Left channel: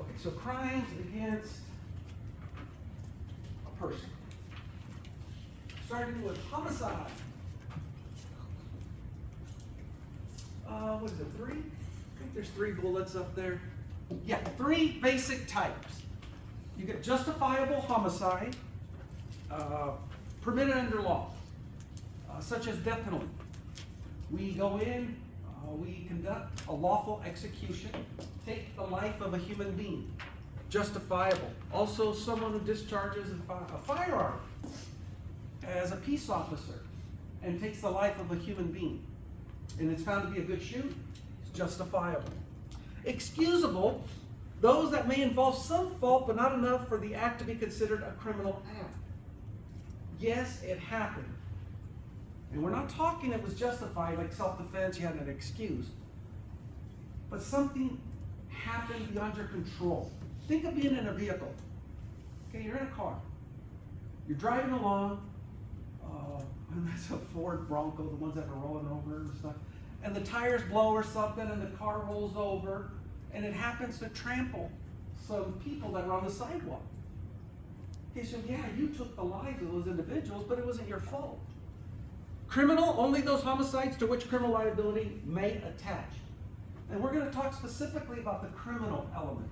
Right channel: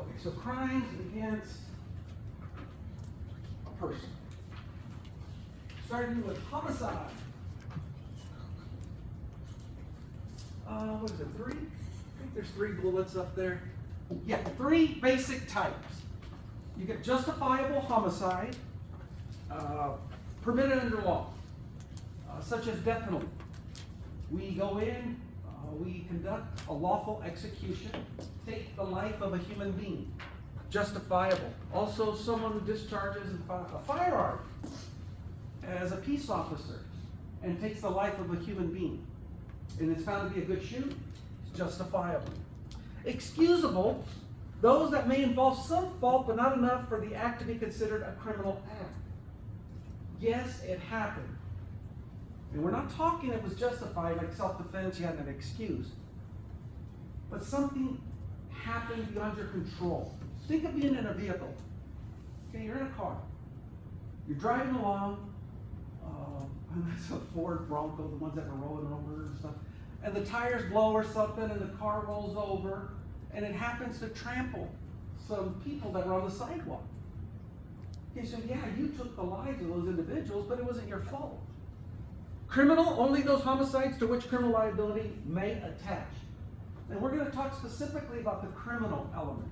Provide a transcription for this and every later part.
Okay, so crimes against a person. Starting with homicide. What is it, 3? I think there's 3 bullets up there. Yeah, 3 basic types. You get justifiable homicide, permitted under law, such as death penalty. We go in, we conduct a lawful execution, take the life of a human being, justifiable. Also, someone who discharges a firearm as a peace officer and takes the life of a human being, and it's found to be a good shoot, it's justifiable. Excusable, those that may involve some fault but not enough for the act to be considered a criminal act. Yes, it happened. And we're not talking it was justified, like self-defense, you had an excuse. But something happened beyond your control. Think of being in a vehicle. Okay, you're in a car. You're driving along. That's a Ford Bronco, the ones that are rolling over and stuff. And the tires blow or something, and the car rolls over, and it happens to trample some people that were on the sidewalk. Okay, so yeah, you took the lives of those individuals, but it wasn't your fault. Criminal, only those homicides to which criminal liability may attach. And we're going to talk specifically about the criminal element.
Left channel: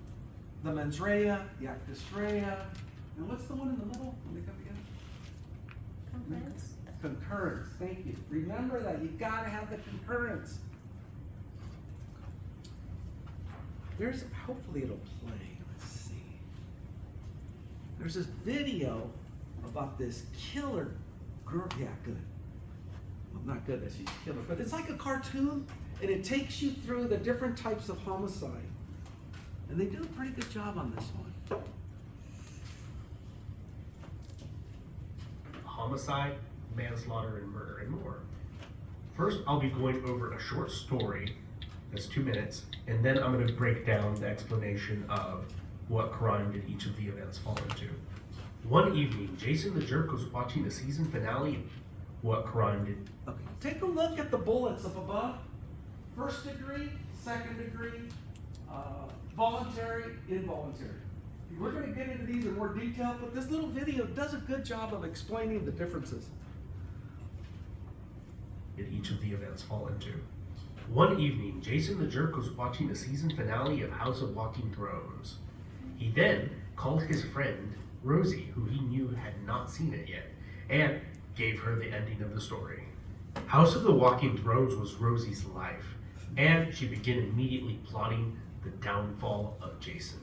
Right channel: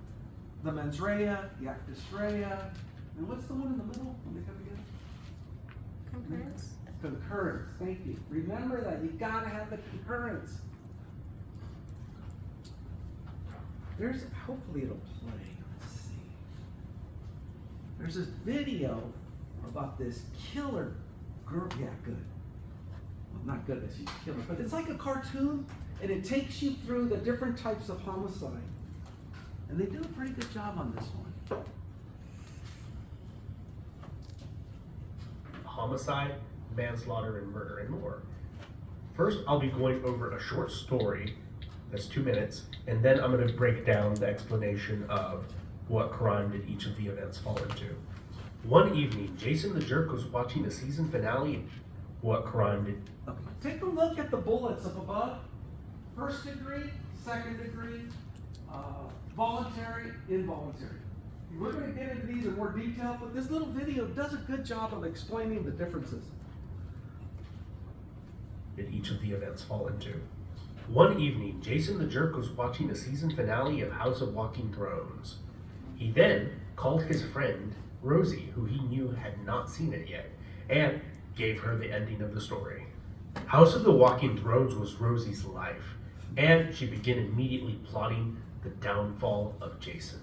The mens rea, the actus rea, and what's the one in the middle when they come together? Concurrence. Concurrence, thank you. Remember that, you've got to have the concurrence. Hopefully it'll play, let's see. There's this video about this killer girl, yeah, good. Well, not good that she's a killer, but it's like a cartoon, and it takes you through the different types of homicide. And they do a pretty good job on this one. Homicide, manslaughter, and murder, and more. First, I'll be going over a short story that's 2 minutes, and then I'm going to break down the explanation of what crime did each of the events fall into. One evening, Jason the Jerk was watching the season finale of What Crime Did... Okay. Take a look at the bullets up above. 1st degree, 2nd degree, voluntary, involuntary. We're going to get into these in more detail, but this little video does a good job of explaining the differences. Did each of the events fall into? One evening, Jason the Jerk was watching the season finale of House of Walking Thrones. He then called his friend, Rosie, who he knew had not seen it yet, and gave her the ending of the story. House of the Walking Thrones was Rosie's life, and she began immediately plotting the downfall of Jason.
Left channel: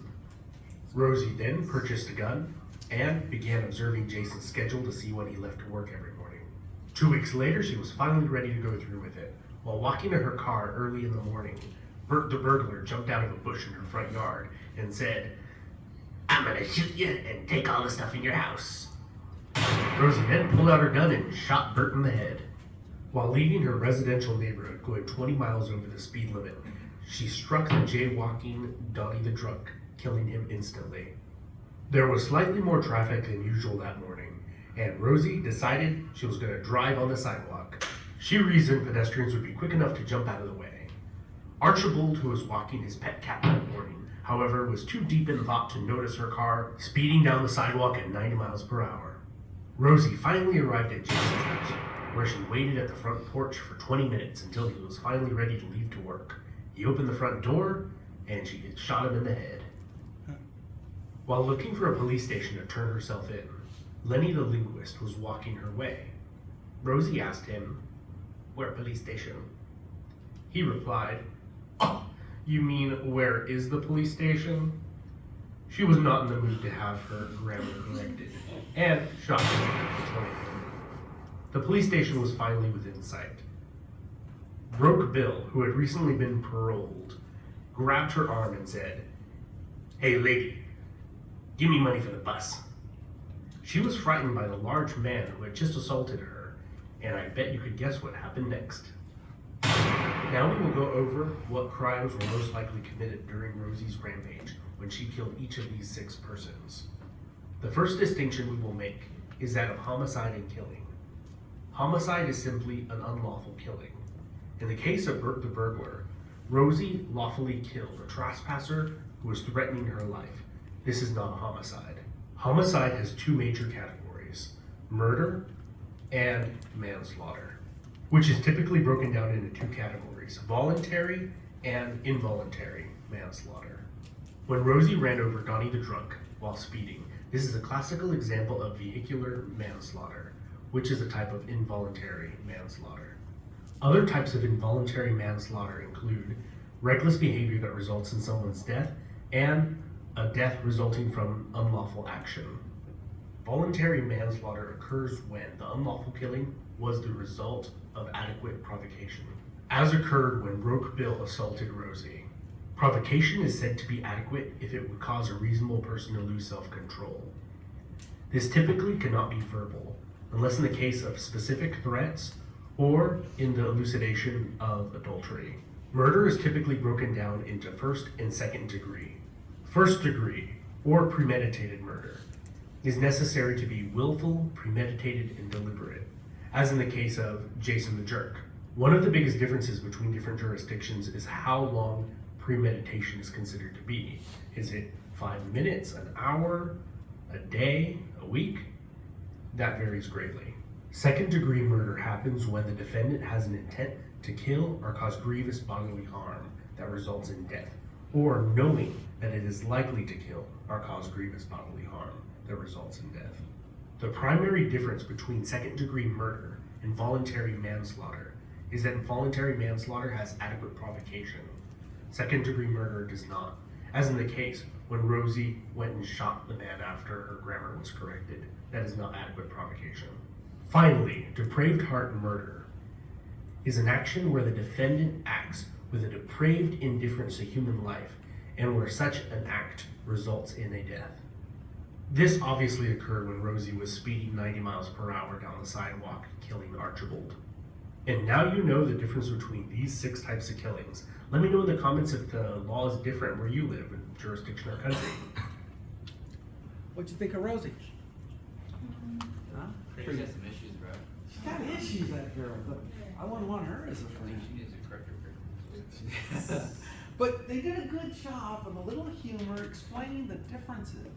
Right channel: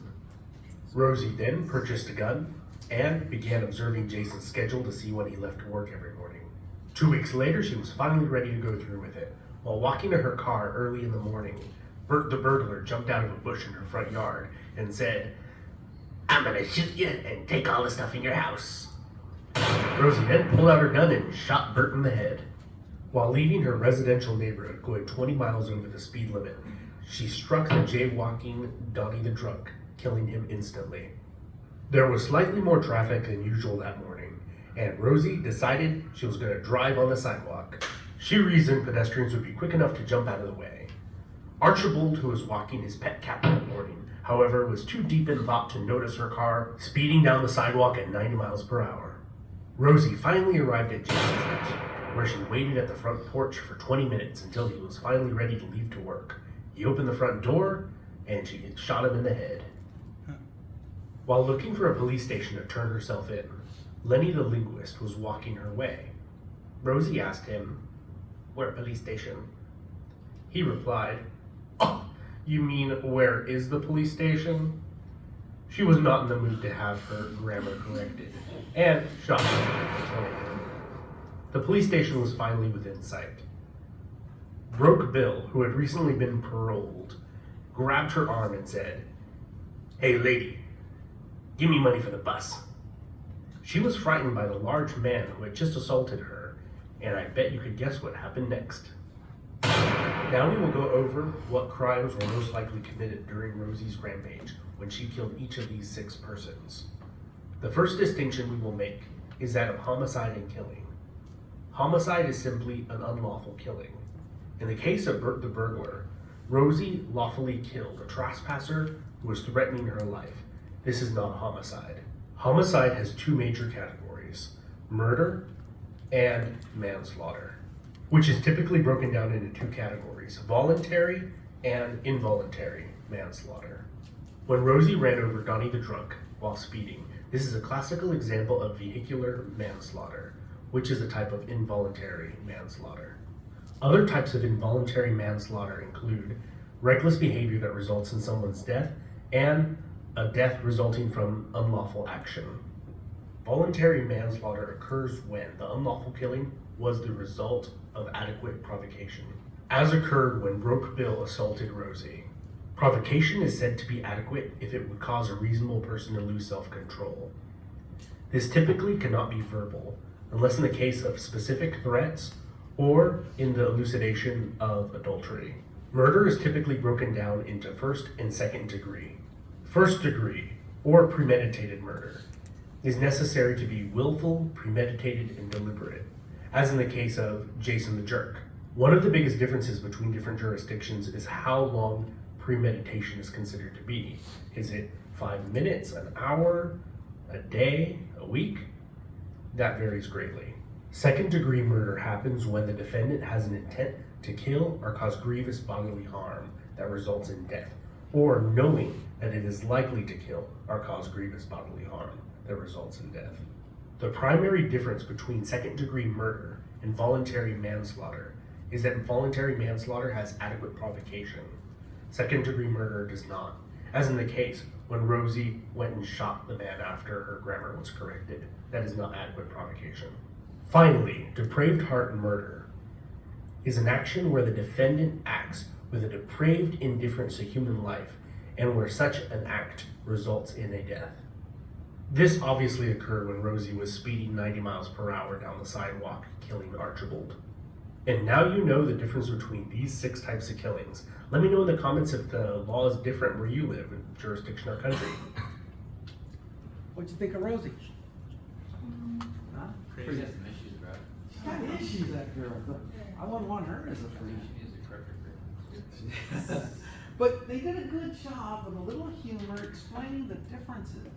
Rosie then purchased a gun and began observing Jason's schedule to see when he left work every morning. 2 weeks later, she was finally ready to go through with it. While walking to her car early in the morning, Bert the burglar jumped out of a bush in her front yard and said, "I'm gonna shoot you and take all the stuff in your house." Rosie then pulled out her gun and shot Bert in the head. While leaving her residential neighborhood going 20 miles over the speed limit, she struck the jaywalking Donnie the drunk, killing him instantly. There was slightly more traffic than usual that morning, and Rosie decided she was going to drive on the sidewalk. She reasoned pedestrians would be quick enough to jump out of the way. Archibald, who was walking his pet cat that morning, however, was too deep in thought to notice her car speeding down the sidewalk at 90 miles per hour. Rosie finally arrived at Jason's house, where she waited at the front porch for 20 minutes until he was finally ready to leave to work. He opened the front door, and she had shot him in the head. While looking for a police station to turn herself in, Lenny the linguist was walking her way. Rosie asked him, "Where police station?" He replied, "Oh, you mean where is the police station?" She was not in the mood to have her grammar corrected, and shot him. The police station was finally within sight. Broke Bill, who had recently been paroled, grabbed her arm and said, "Hey lady, give me money for the bus." She was frightened by the large man who had just assaulted her, and I bet you could guess what happened next. Now we will go over what crimes were most likely committed during Rosie's rampage when she killed each of these 6 persons. The first distinction we will make is that of homicide and killing. Homicide is simply an unlawful killing. In the case of Bert the burglar, Rosie lawfully killed a trespasser who was threatening her life. This is not a homicide. Homicide has two major categories: murder and manslaughter, which is typically broken down into two categories: voluntary and involuntary manslaughter. When Rosie ran over Donnie the drunk while speeding, this is a classical example of vehicular manslaughter, which is a type of involuntary manslaughter. Other types of involuntary manslaughter include reckless behavior that results in someone's death and a death resulting from unlawful action. Voluntary manslaughter occurs when the unlawful killing was the result of adequate provocation, as occurred when Broke Bill assaulted Rosie. Provocation is said to be adequate if it would cause a reasonable person to lose self-control. This typically cannot be verbal, unless in the case of specific threats or in the elucidation of adultery. Murder is typically broken down into first and second degree. First degree, or premeditated murder, is necessary to be willful, premeditated, and deliberate, as in the case of Jason the Jerk. One of the biggest differences between different jurisdictions is how long premeditation is considered to be. Is it 5 minutes, an hour, a day, a week? That varies greatly. Second degree murder happens when the defendant has an intent to kill or cause grievous bodily harm that results in death, or knowing that it is likely to kill or cause grievous bodily harm that results in death. The primary difference between second degree murder and voluntary manslaughter is that voluntary manslaughter has adequate provocation. Second degree murder does not, as in the case when Rosie went and shot the man after her grammar was corrected. That is not adequate provocation. Finally, depraved heart murder is an action where the defendant acts with a depraved indifference to human life and where such an act results in a death. This obviously occurred when Rosie was speeding 90 miles per hour down the sidewalk, killing Archibald. And now you know the difference between these 6 types of killings. Let me know in the comments if the law is different where you live, in jurisdiction or country. What'd you think of Rosie? Huh? Crazy has some issues, bro. She's got issues, that girl, but I wouldn't want her as a I friend. think she needs a corrector. But they did a good job with a little humor explaining the differences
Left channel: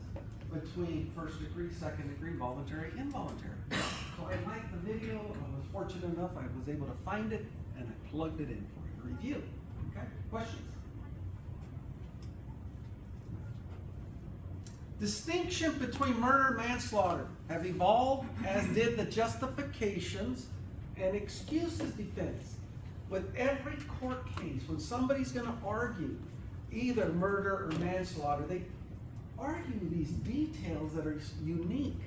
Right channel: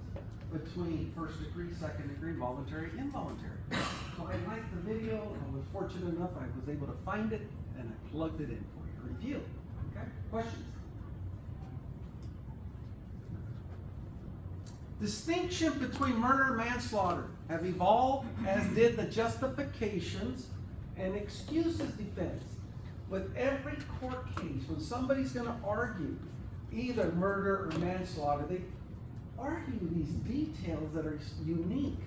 between first degree, second degree, voluntary, involuntary. So I liked the video. I was fortunate enough I was able to find it and I plugged it in for your review. Okay, questions? Distinction between murder and manslaughter have evolved, as did the justifications and excuses defense. With every court case, when somebody's going to argue either murder or manslaughter, they argue these details that are unique.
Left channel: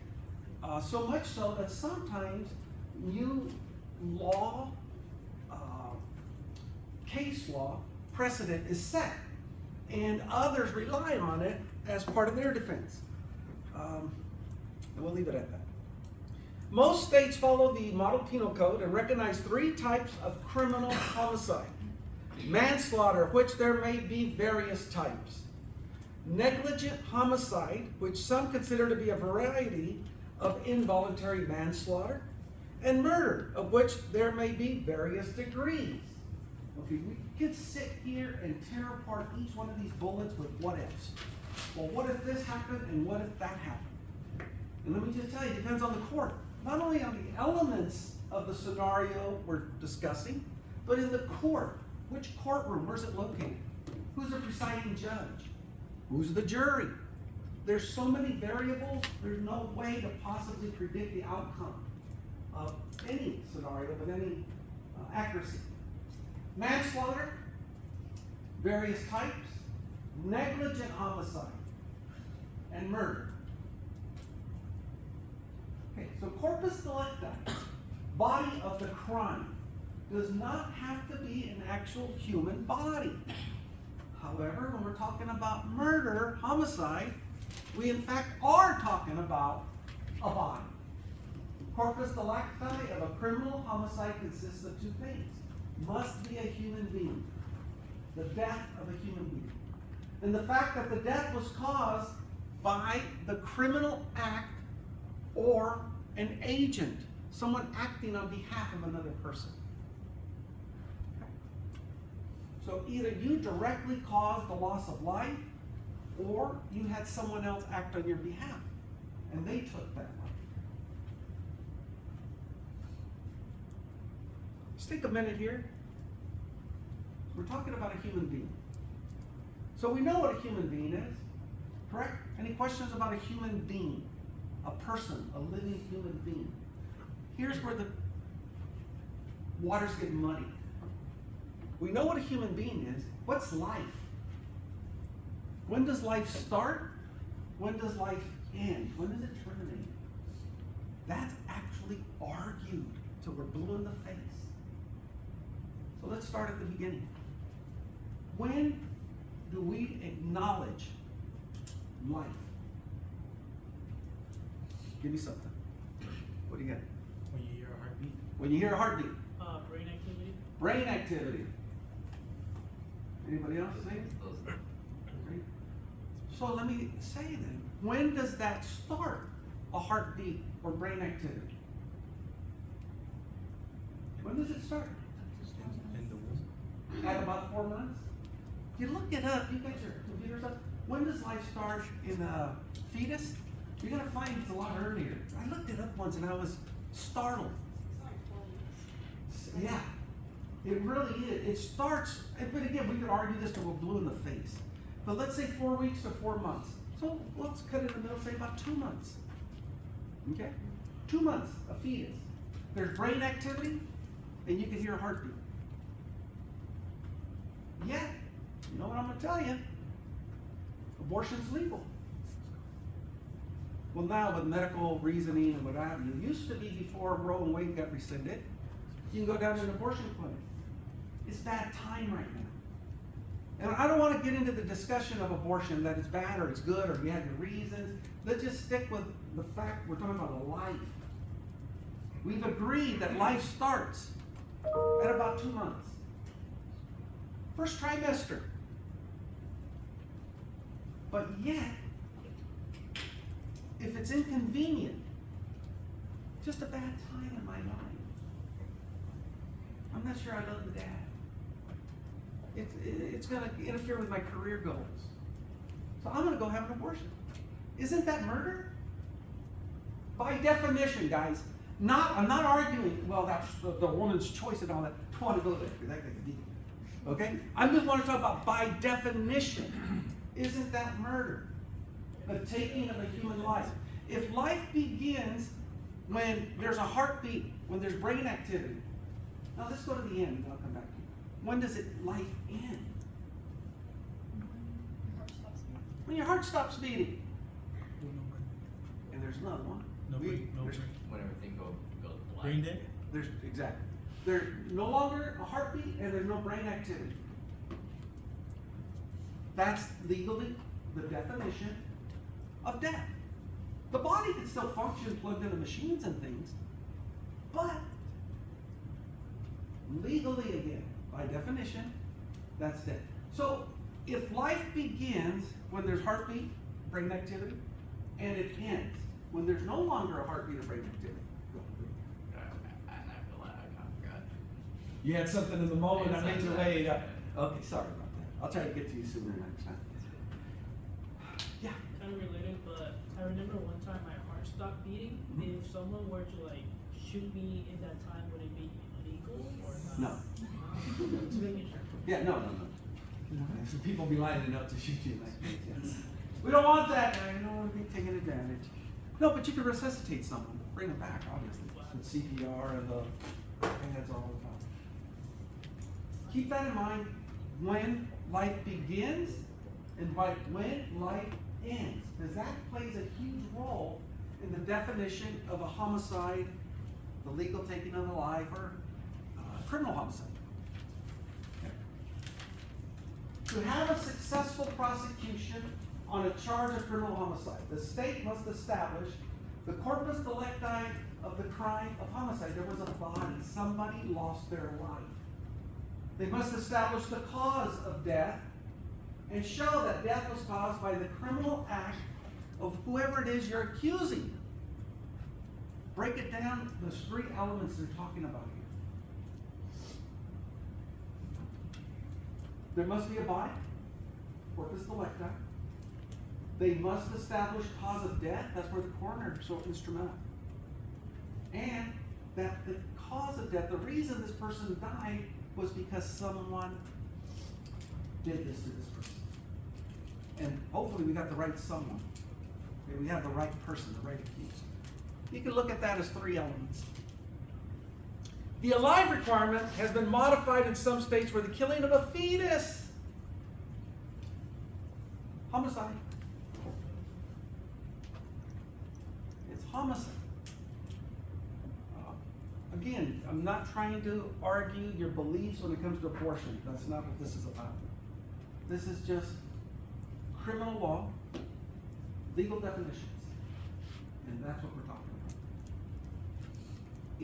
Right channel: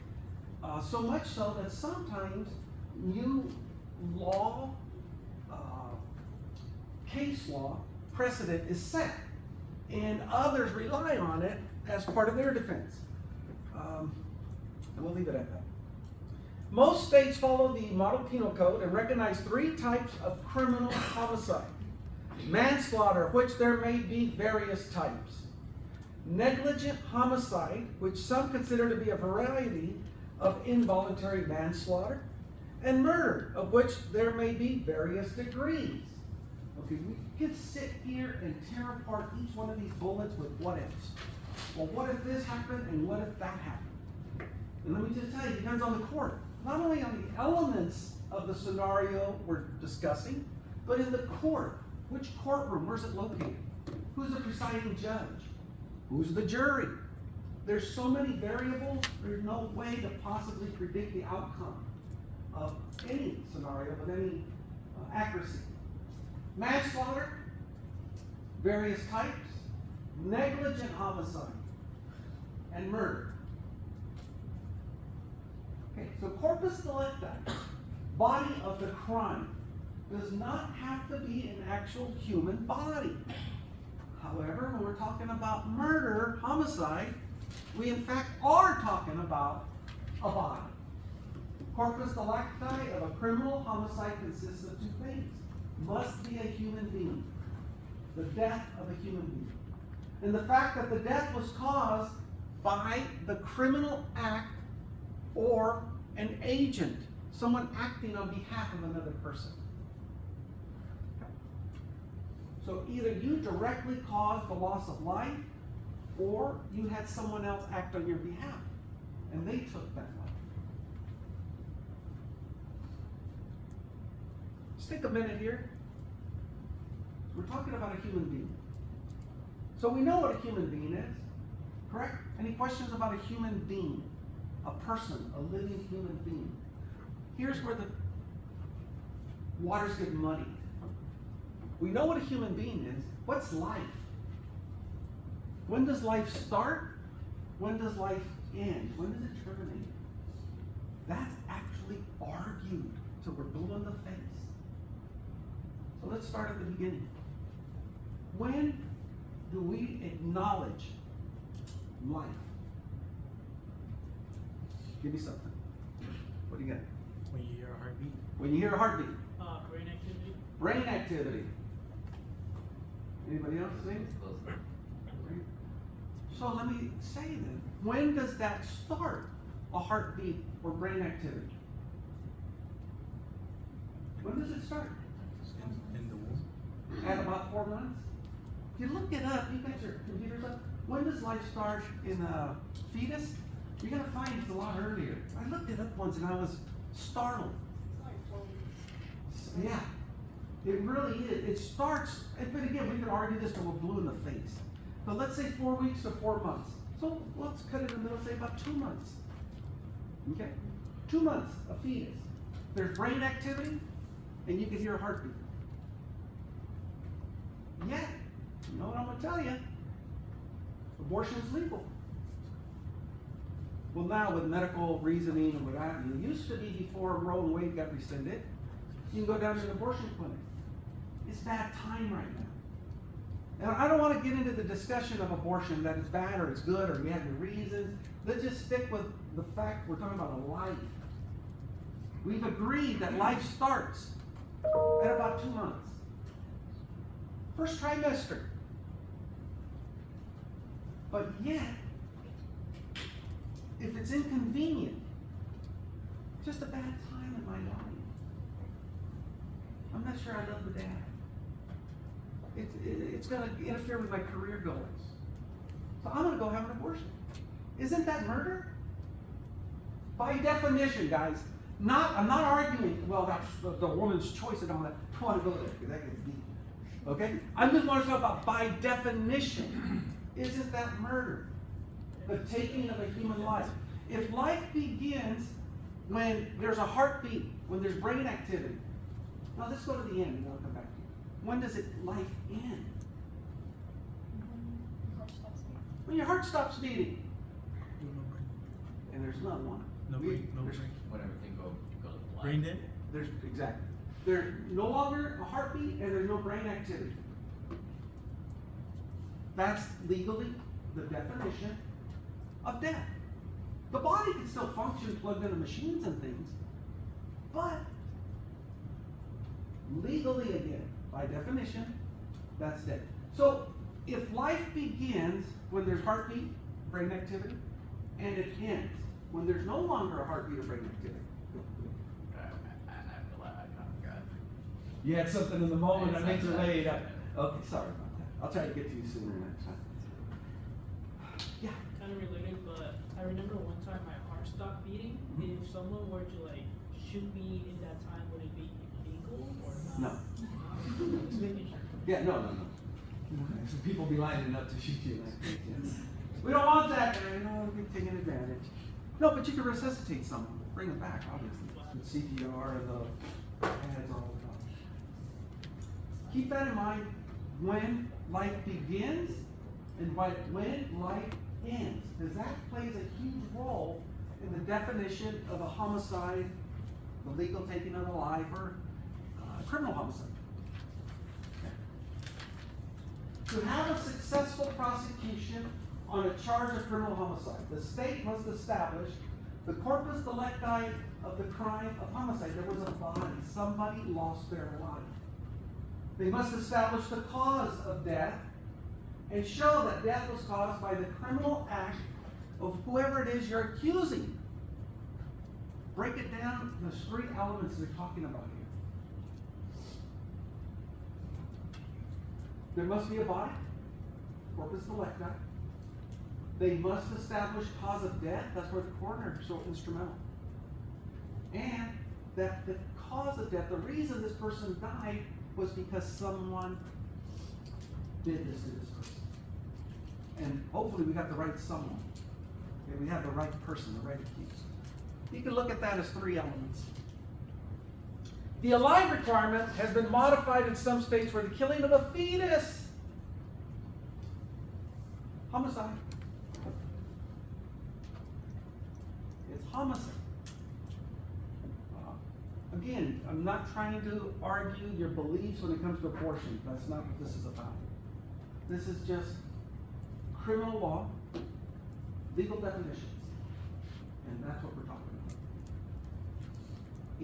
So much so that sometimes new law, case law, precedent is set, and others rely on it as part of their defense. And we'll leave it at that. Most states follow the Model Penal Code and recognize 3 types of criminal homicide. Manslaughter, which there may be various types. Negligent homicide, which some consider to be a variety of involuntary manslaughter. And murder, of which there may be various degrees. Okay, we could sit here and tear apart each one of these bullets with what ifs. Well, what if this happened and what if that happened? And let me just tell you, it depends on the court. Not only on the elements of the scenario we're discussing, but in the court. Which courtroom? Where's it located? Who's the presiding judge? Who's the jury? There's so many variables, there's no way to possibly predict the outcome of any scenario with any accuracy. Manslaughter, various types, negligent homicide, and murder. Okay, so corpus delicti, body of the crime, does not have to be an actual human body. However, when we're talking about murder, homicide, we in fact are talking about a body. Corpus delicti of a criminal homicide consists of 2 things. Must be a human being. The death of a human being. And the fact that the death was caused by the criminal act or an agent, someone acting on behalf of another person. So either you directly caused the loss of life, or you had someone else act on your behalf, and they took that life. Let's take a minute here. We're talking about a human being. So we know what a human being is, correct? Any questions about a human being? A person, a living human being. Here's where the waters get muddy. We know what a human being is. What's life? When does life start? When does life end? When does it terminate? That's actually argued till we're blue in the face. So let's start at the beginning. When do we acknowledge life? Give me something. What do you got? When you hear a heartbeat. When you hear a heartbeat. Brain activity. Brain activity. Anybody else think? So let me say then, when does that start? A heartbeat or brain activity? When does it start? In the womb. At about 4 months? If you look it up, you got your computers up. When does life start in a fetus? You gotta find it's a lot earlier. I looked it up once and I was startled. Yeah, it really is. It starts, but again, we could argue this till we're blue in the face. But let's say 4 weeks to 4 months. So let's cut it in the middle, say about 2 months. Okay? 2 months, a fetus. There's brain activity, and you can hear a heartbeat. Yet, you know what I'm gonna tell you? Abortion's legal. Well, now with medical reasoning and what have you, it used to be before Roe and Wade got rescinded, you can go down to an abortion clinic. It's bad time right now. And I don't want to get into the discussion of abortion, that it's bad or it's good or you have your reasons. Let's just stick with the fact we're talking about a life. We've agreed that life starts at about 2 months. First trimester. But yet, if it's inconvenient, just a bad time in my life. I'm not sure I love the dad. It's going to interfere with my career goals. So I'm going to go have an abortion. Isn't that murder? By definition, guys. I'm not arguing, well, that's the woman's choice and all that. I don't want to go there because that gets deep. Okay? I just want to talk about by definition. Isn't that murder? The taking of a human life. If life begins when there's a heartbeat, when there's brain activity. Now let's go to the end and then I'll come back to you. When does life end? When your heart stops beating. And there's another one. No brain. When everything goes blind. Brain dead? There's exactly. There's no longer a heartbeat and there's no brain activity. That's legally the definition of death. The body can still function plugged into machines and things, but legally again, by definition, that's death. So if life begins when there's heartbeat, brain activity, and it ends when there's no longer a heartbeat or brain activity. I'm not gonna lie, I kind of forgot. You had something in the moment that made you lay it up. Yeah. Okay, sorry about that. I'll try to get to you sooner next time. Yeah. Kind of related, but I remember one time my heart stopped beating. If someone were to like shoot me in that time, would it be illegal or not? No. Just making sure. Yeah, no. So people be lining up to shoot you in that case, yes. We don't want that, man. We don't want to be taking advantage. No, but you can resuscitate someone, bring them back, obviously. With CPR and the pads are all done. Keep that in mind when life begins and when life ends. Because that plays a huge role in the definition of a homicide, the legal taking of a life, or criminal homicide. To have a successful prosecution on a charge of criminal homicide, the state must establish the corpus delicti of the crime of homicide. There was a body, somebody lost their life. They must establish the cause of death and show that death was caused by the criminal act of whoever it is you're accusing. Break it down, there's 3 elements they're talking about here. There must be a body, corpus delicti. They must establish cause of death. That's where the coroner is so instrumental. And that the cause of death, the reason this person died, was because someone did this to this person. And hopefully we got the right someone. Okay, we have the right person, the right accused. You can look at that as three elements. The alive requirement has been modified in some states where the killing of a fetus, homicide. It's homicide. Again, I'm not trying to argue your beliefs when it comes to abortion. That's not what this is about. This is just criminal law, legal definitions. And that's what we're talking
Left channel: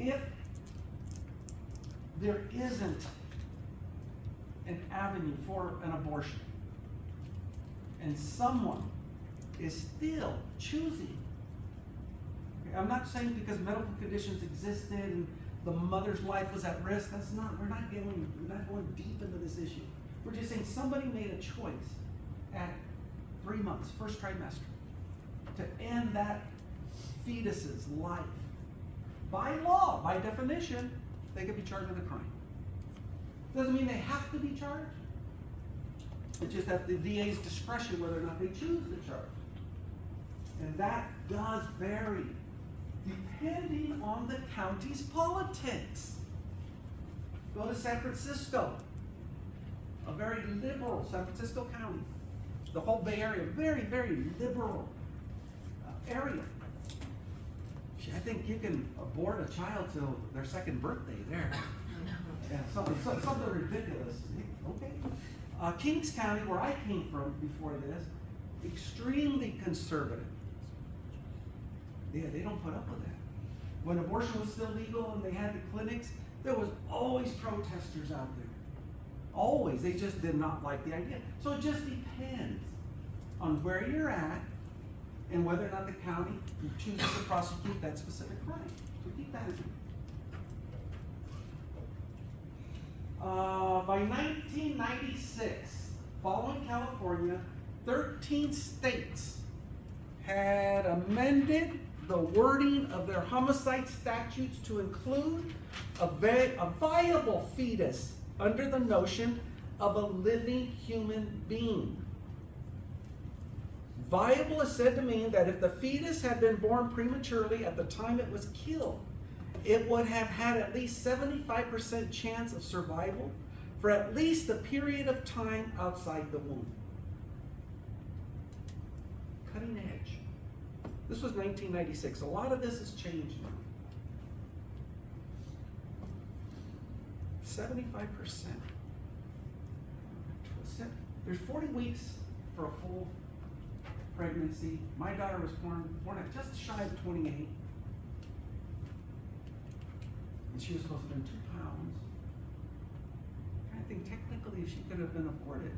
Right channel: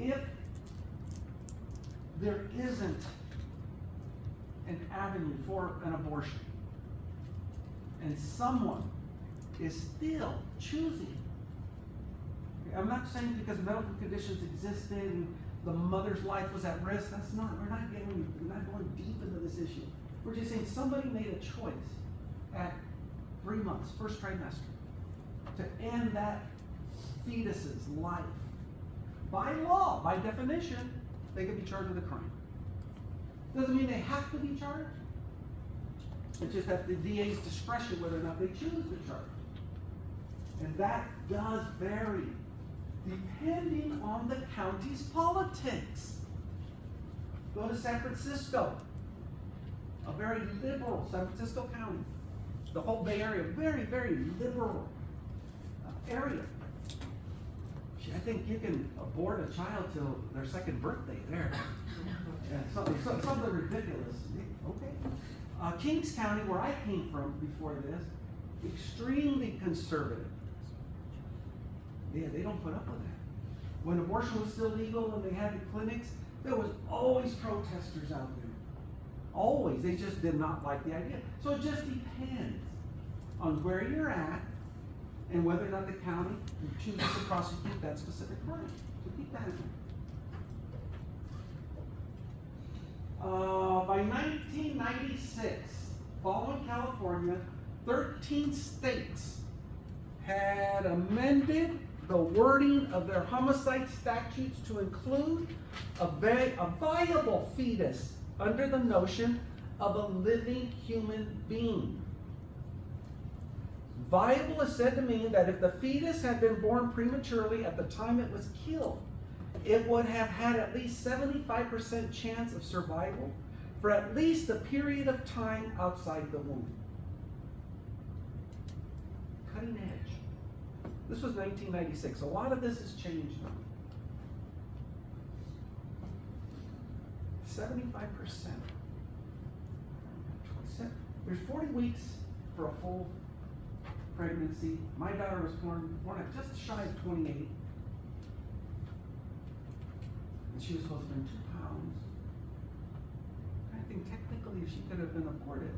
about. If there isn't an avenue for an abortion, and someone is still choosing, I'm not saying because medical conditions existed and the mother's life was at risk. That's not, we're not going deep into this issue. We're just saying somebody made a choice at 3 months, first trimester, to end that fetus's life. By law, by definition, they could be charged with a crime. Doesn't mean they have to be charged. It's just at the DA's discretion whether or not they choose to charge. And that does vary depending on the county's politics. Go to San Francisco, a very liberal San Francisco County. The whole Bay Area, very, very liberal area. I think you can abort a child till their second birthday there. Yeah, something ridiculous. Okay. Kings County, where I came from before this, extremely conservative. Yeah, they don't put up with that. When abortion was still legal and they had the clinics, there was always protesters out there. Always. They just did not like the idea. So it just depends on where you're at and whether or not the county chooses to prosecute that specific crime. So keep that in mind. By 1996, following California, 13 states had amended the wording of their homicide statutes to include a viable fetus under the notion of a living human being. Viable is said to mean that if the fetus had been born prematurely at the time it was killed, it would have had at least 75% chance of survival for at least a period of time outside the womb. Cutting edge. This was 1996. A lot of this has changed now. 75%. There's 40 weeks for a full pregnancy. My daughter was born at just shy of 28. And she was supposed to be 2 pounds. I think technically she could have been aborted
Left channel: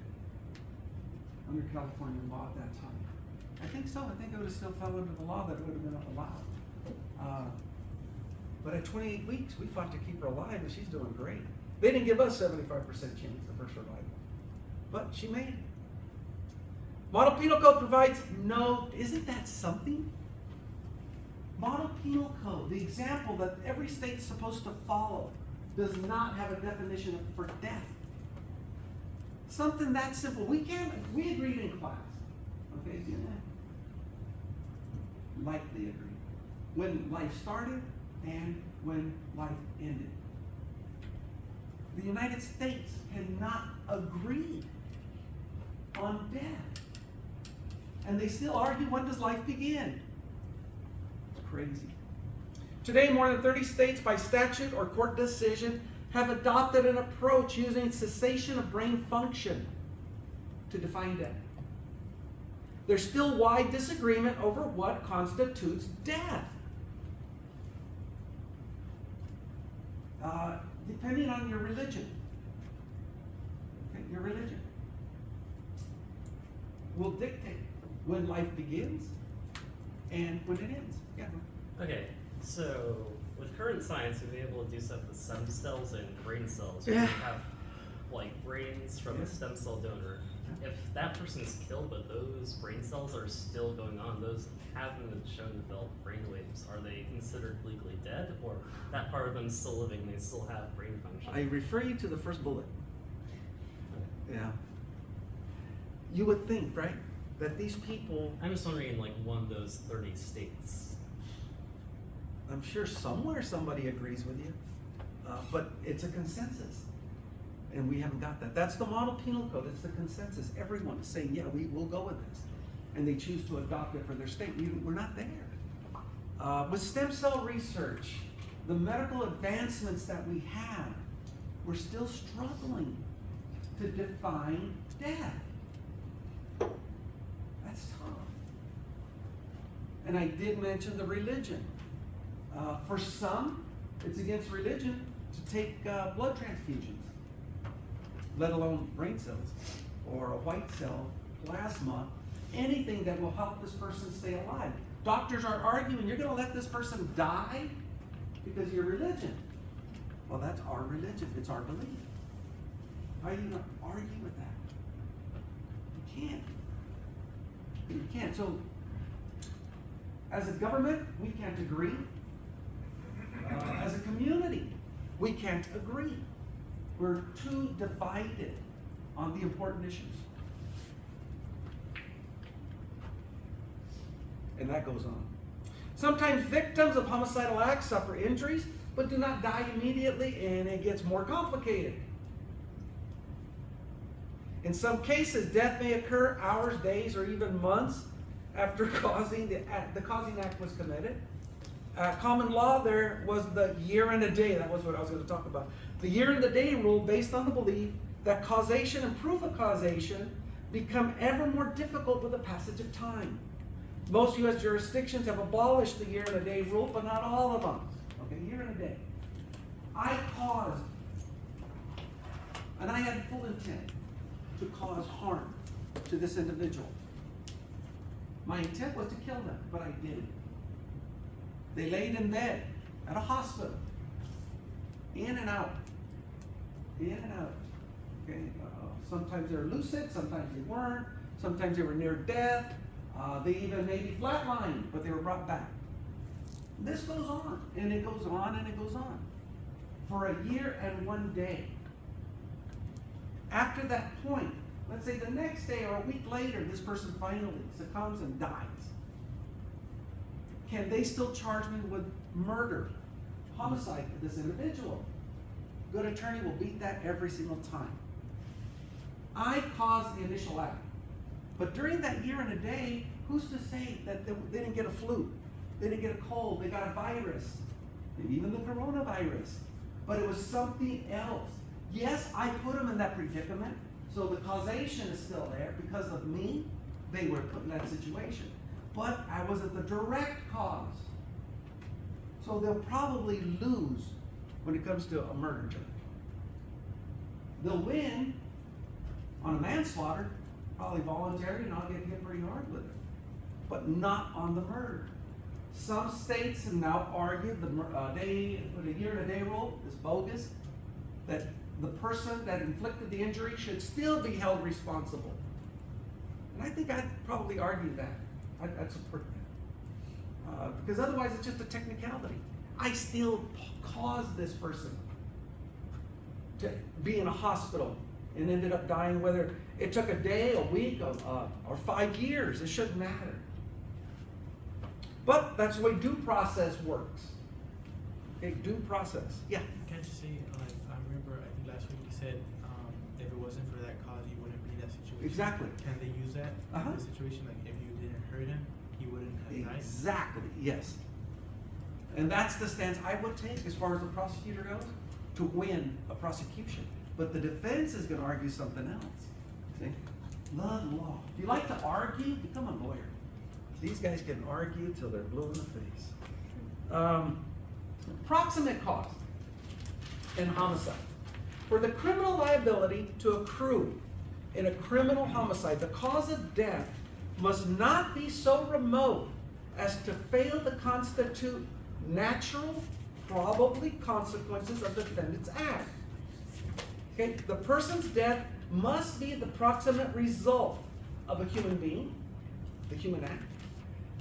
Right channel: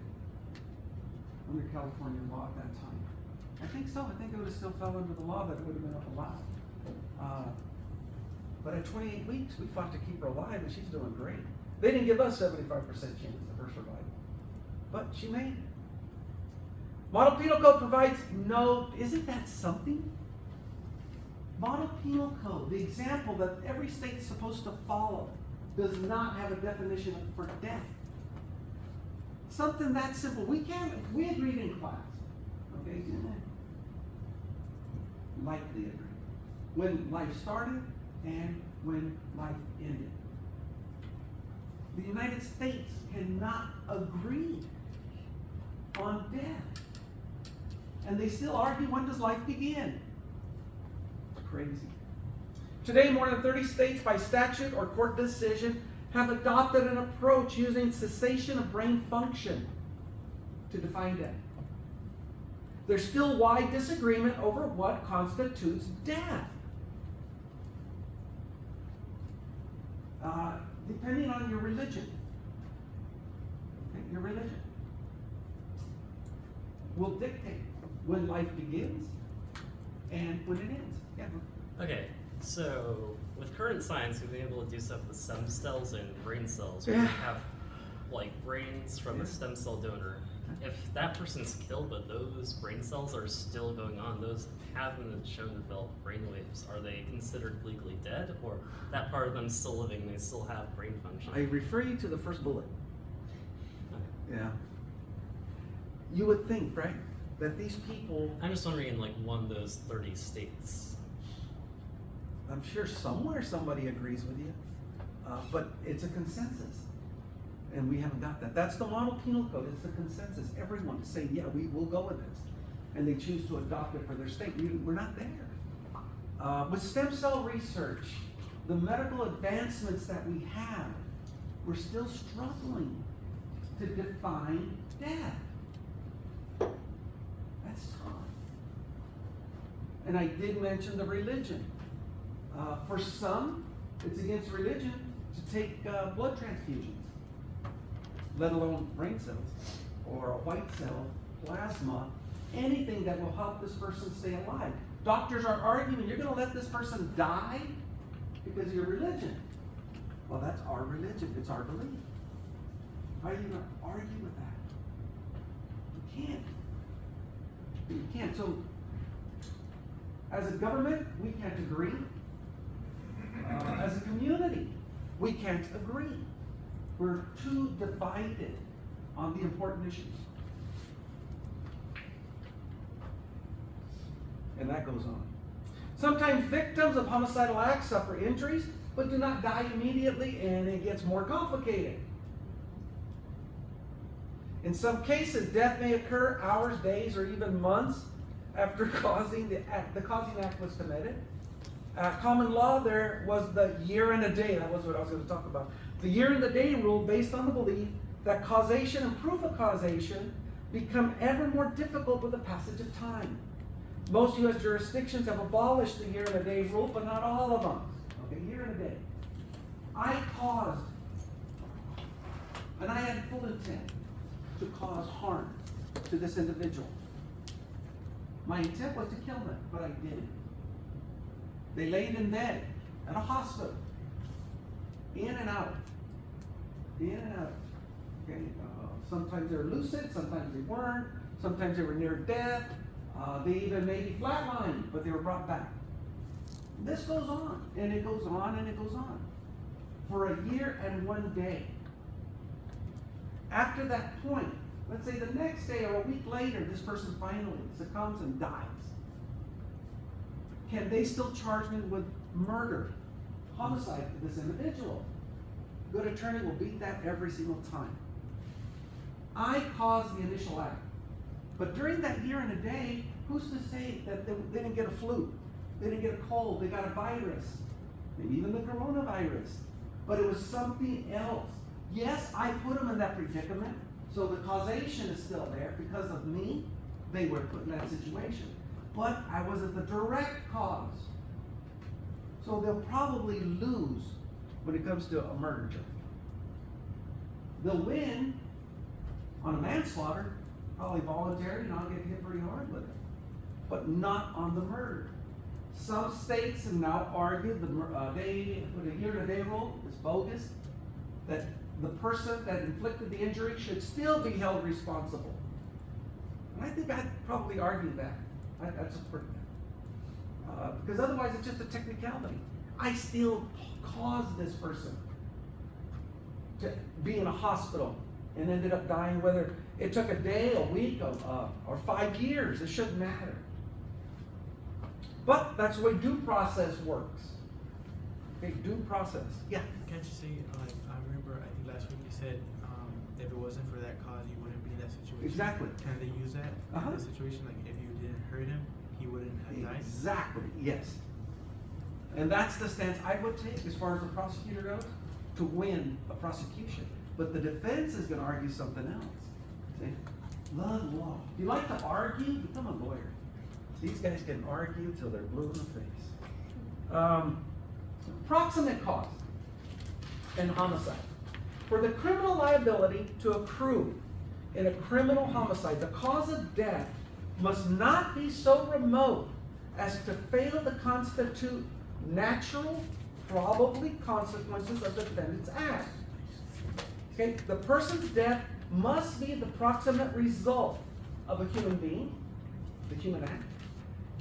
under California law at that time. I think so. I think it would have still fell under the law, but it would have been allowed. But at 28 weeks, we fought to keep her alive, and she's doing great. They didn't give us 75% chance of her survival, but she made it. Model Penal Code provides no, isn't that something? Model Penal Code, the example that every state's supposed to follow, does not have a definition for death. Something that simple. We agreed in class. Okay, do that. Likely agreed. When life started and when life ended. The United States cannot agree on death. And they still argue, when does life begin? It's crazy. Today, more than 30 states by statute or court decision have adopted an approach using cessation of brain function to define death. There's still wide disagreement over what constitutes death. Depending on your religion. Okay, your religion will dictate when life begins and when it ends. Yeah. Okay, so with current science, we've been able to do stuff with stem cells and brain cells. Yeah. We have like brains from a stem cell donor, if that person's killed but those brain cells are still going on, those haven't been shown to develop brain waves, are they considered legally dead, or that part of them still living, they still have brain function? I refer you to the first bullet. Yeah. You would think, right, that these people, I'm just wondering, in like one of those 30 states. I'm sure somewhere somebody agrees with you, but it's a consensus. And we haven't got that. That's the model penal code. It's the consensus. Everyone is saying, yeah, we will go with this. And they choose to adopt it for their state. We're not there. With stem cell research, the medical advancements that we have, we're still struggling to define death. That's tough. And I did mention the religion. For some, it's against religion to take blood transfusions, let alone brain cells or a white cell plasma, anything that will help this person stay alive. Doctors are arguing, you're going to let this person die because of your religion. Well, that's our religion. It's our belief. Why are you going to argue with that? You can't. You can't. So, as a government, we can't agree. As a community, we can't agree. We're too divided on the important issues. And that goes on. Sometimes victims of homicidal acts suffer injuries, but do not die immediately, and it gets more complicated. In some cases, death may occur hours, days, or even months after the causing act was committed. Common law, there was the year and a day. That was what I was going to talk about. The year and the day rule, based on the belief that causation and proof of causation become ever more difficult with the passage of time. Most U.S. jurisdictions have abolished the year and a day rule, but not all of them. Okay, year and a day. I caused, and I had full intent to cause harm to this individual. My intent was to kill them, but I didn't. They laid in bed at a hospital, in and out, in and out. Okay, sometimes they were lucid, sometimes they weren't, sometimes they were near death. They even maybe flatlined, but they were brought back. This goes on, and it goes on, and it goes on. For a year and 1 day. After that point, let's say the next day or a week later, this person finally succumbs and dies. Can they still charge me with murder, homicide for this individual? Good attorney will beat that every single time. I caused the initial act. But during that year and a day, who's to say that they didn't get a flu? They didn't get a cold, they got a virus, maybe even the coronavirus. But it was something else. Yes, I put them in that predicament, so the causation is still there. Because of me, they were put in that situation. But I wasn't the direct cause. So they'll probably lose when it comes to a murder charge. They'll win on a manslaughter, probably voluntary, and I'll get hit pretty hard with it. But not on the murder. Some states have now argued the year and a day rule is bogus, that the person that inflicted the injury should still be held responsible. And I think I'd probably argue that. I'd support that. Because otherwise it's just a technicality. I still caused this person to be in a hospital and ended up dying, whether it took a day, a week, or 5 years. It shouldn't matter. But that's the way due process works. Okay, due process. Yeah. Can't you say, I remember, I think last week you said, if it wasn't for that cause, you wouldn't be in that situation. Exactly. Can they use that in this situation? Like, if you didn't hurt him, he wouldn't have died? Exactly, yes. And that's the stance I would take as far as the prosecutor goes, to win a prosecution. But the defense is going to argue something else. See? Law. If you like to argue, become a lawyer. These guys can argue till they're blue in the face. Proximate cause and homicide. For the criminal liability to accrue in a criminal homicide, the cause of death must not be so remote as to fail to constitute natural, probably consequences of the defendant's act. Okay, the person's death must be the proximate result of a human being, the human act.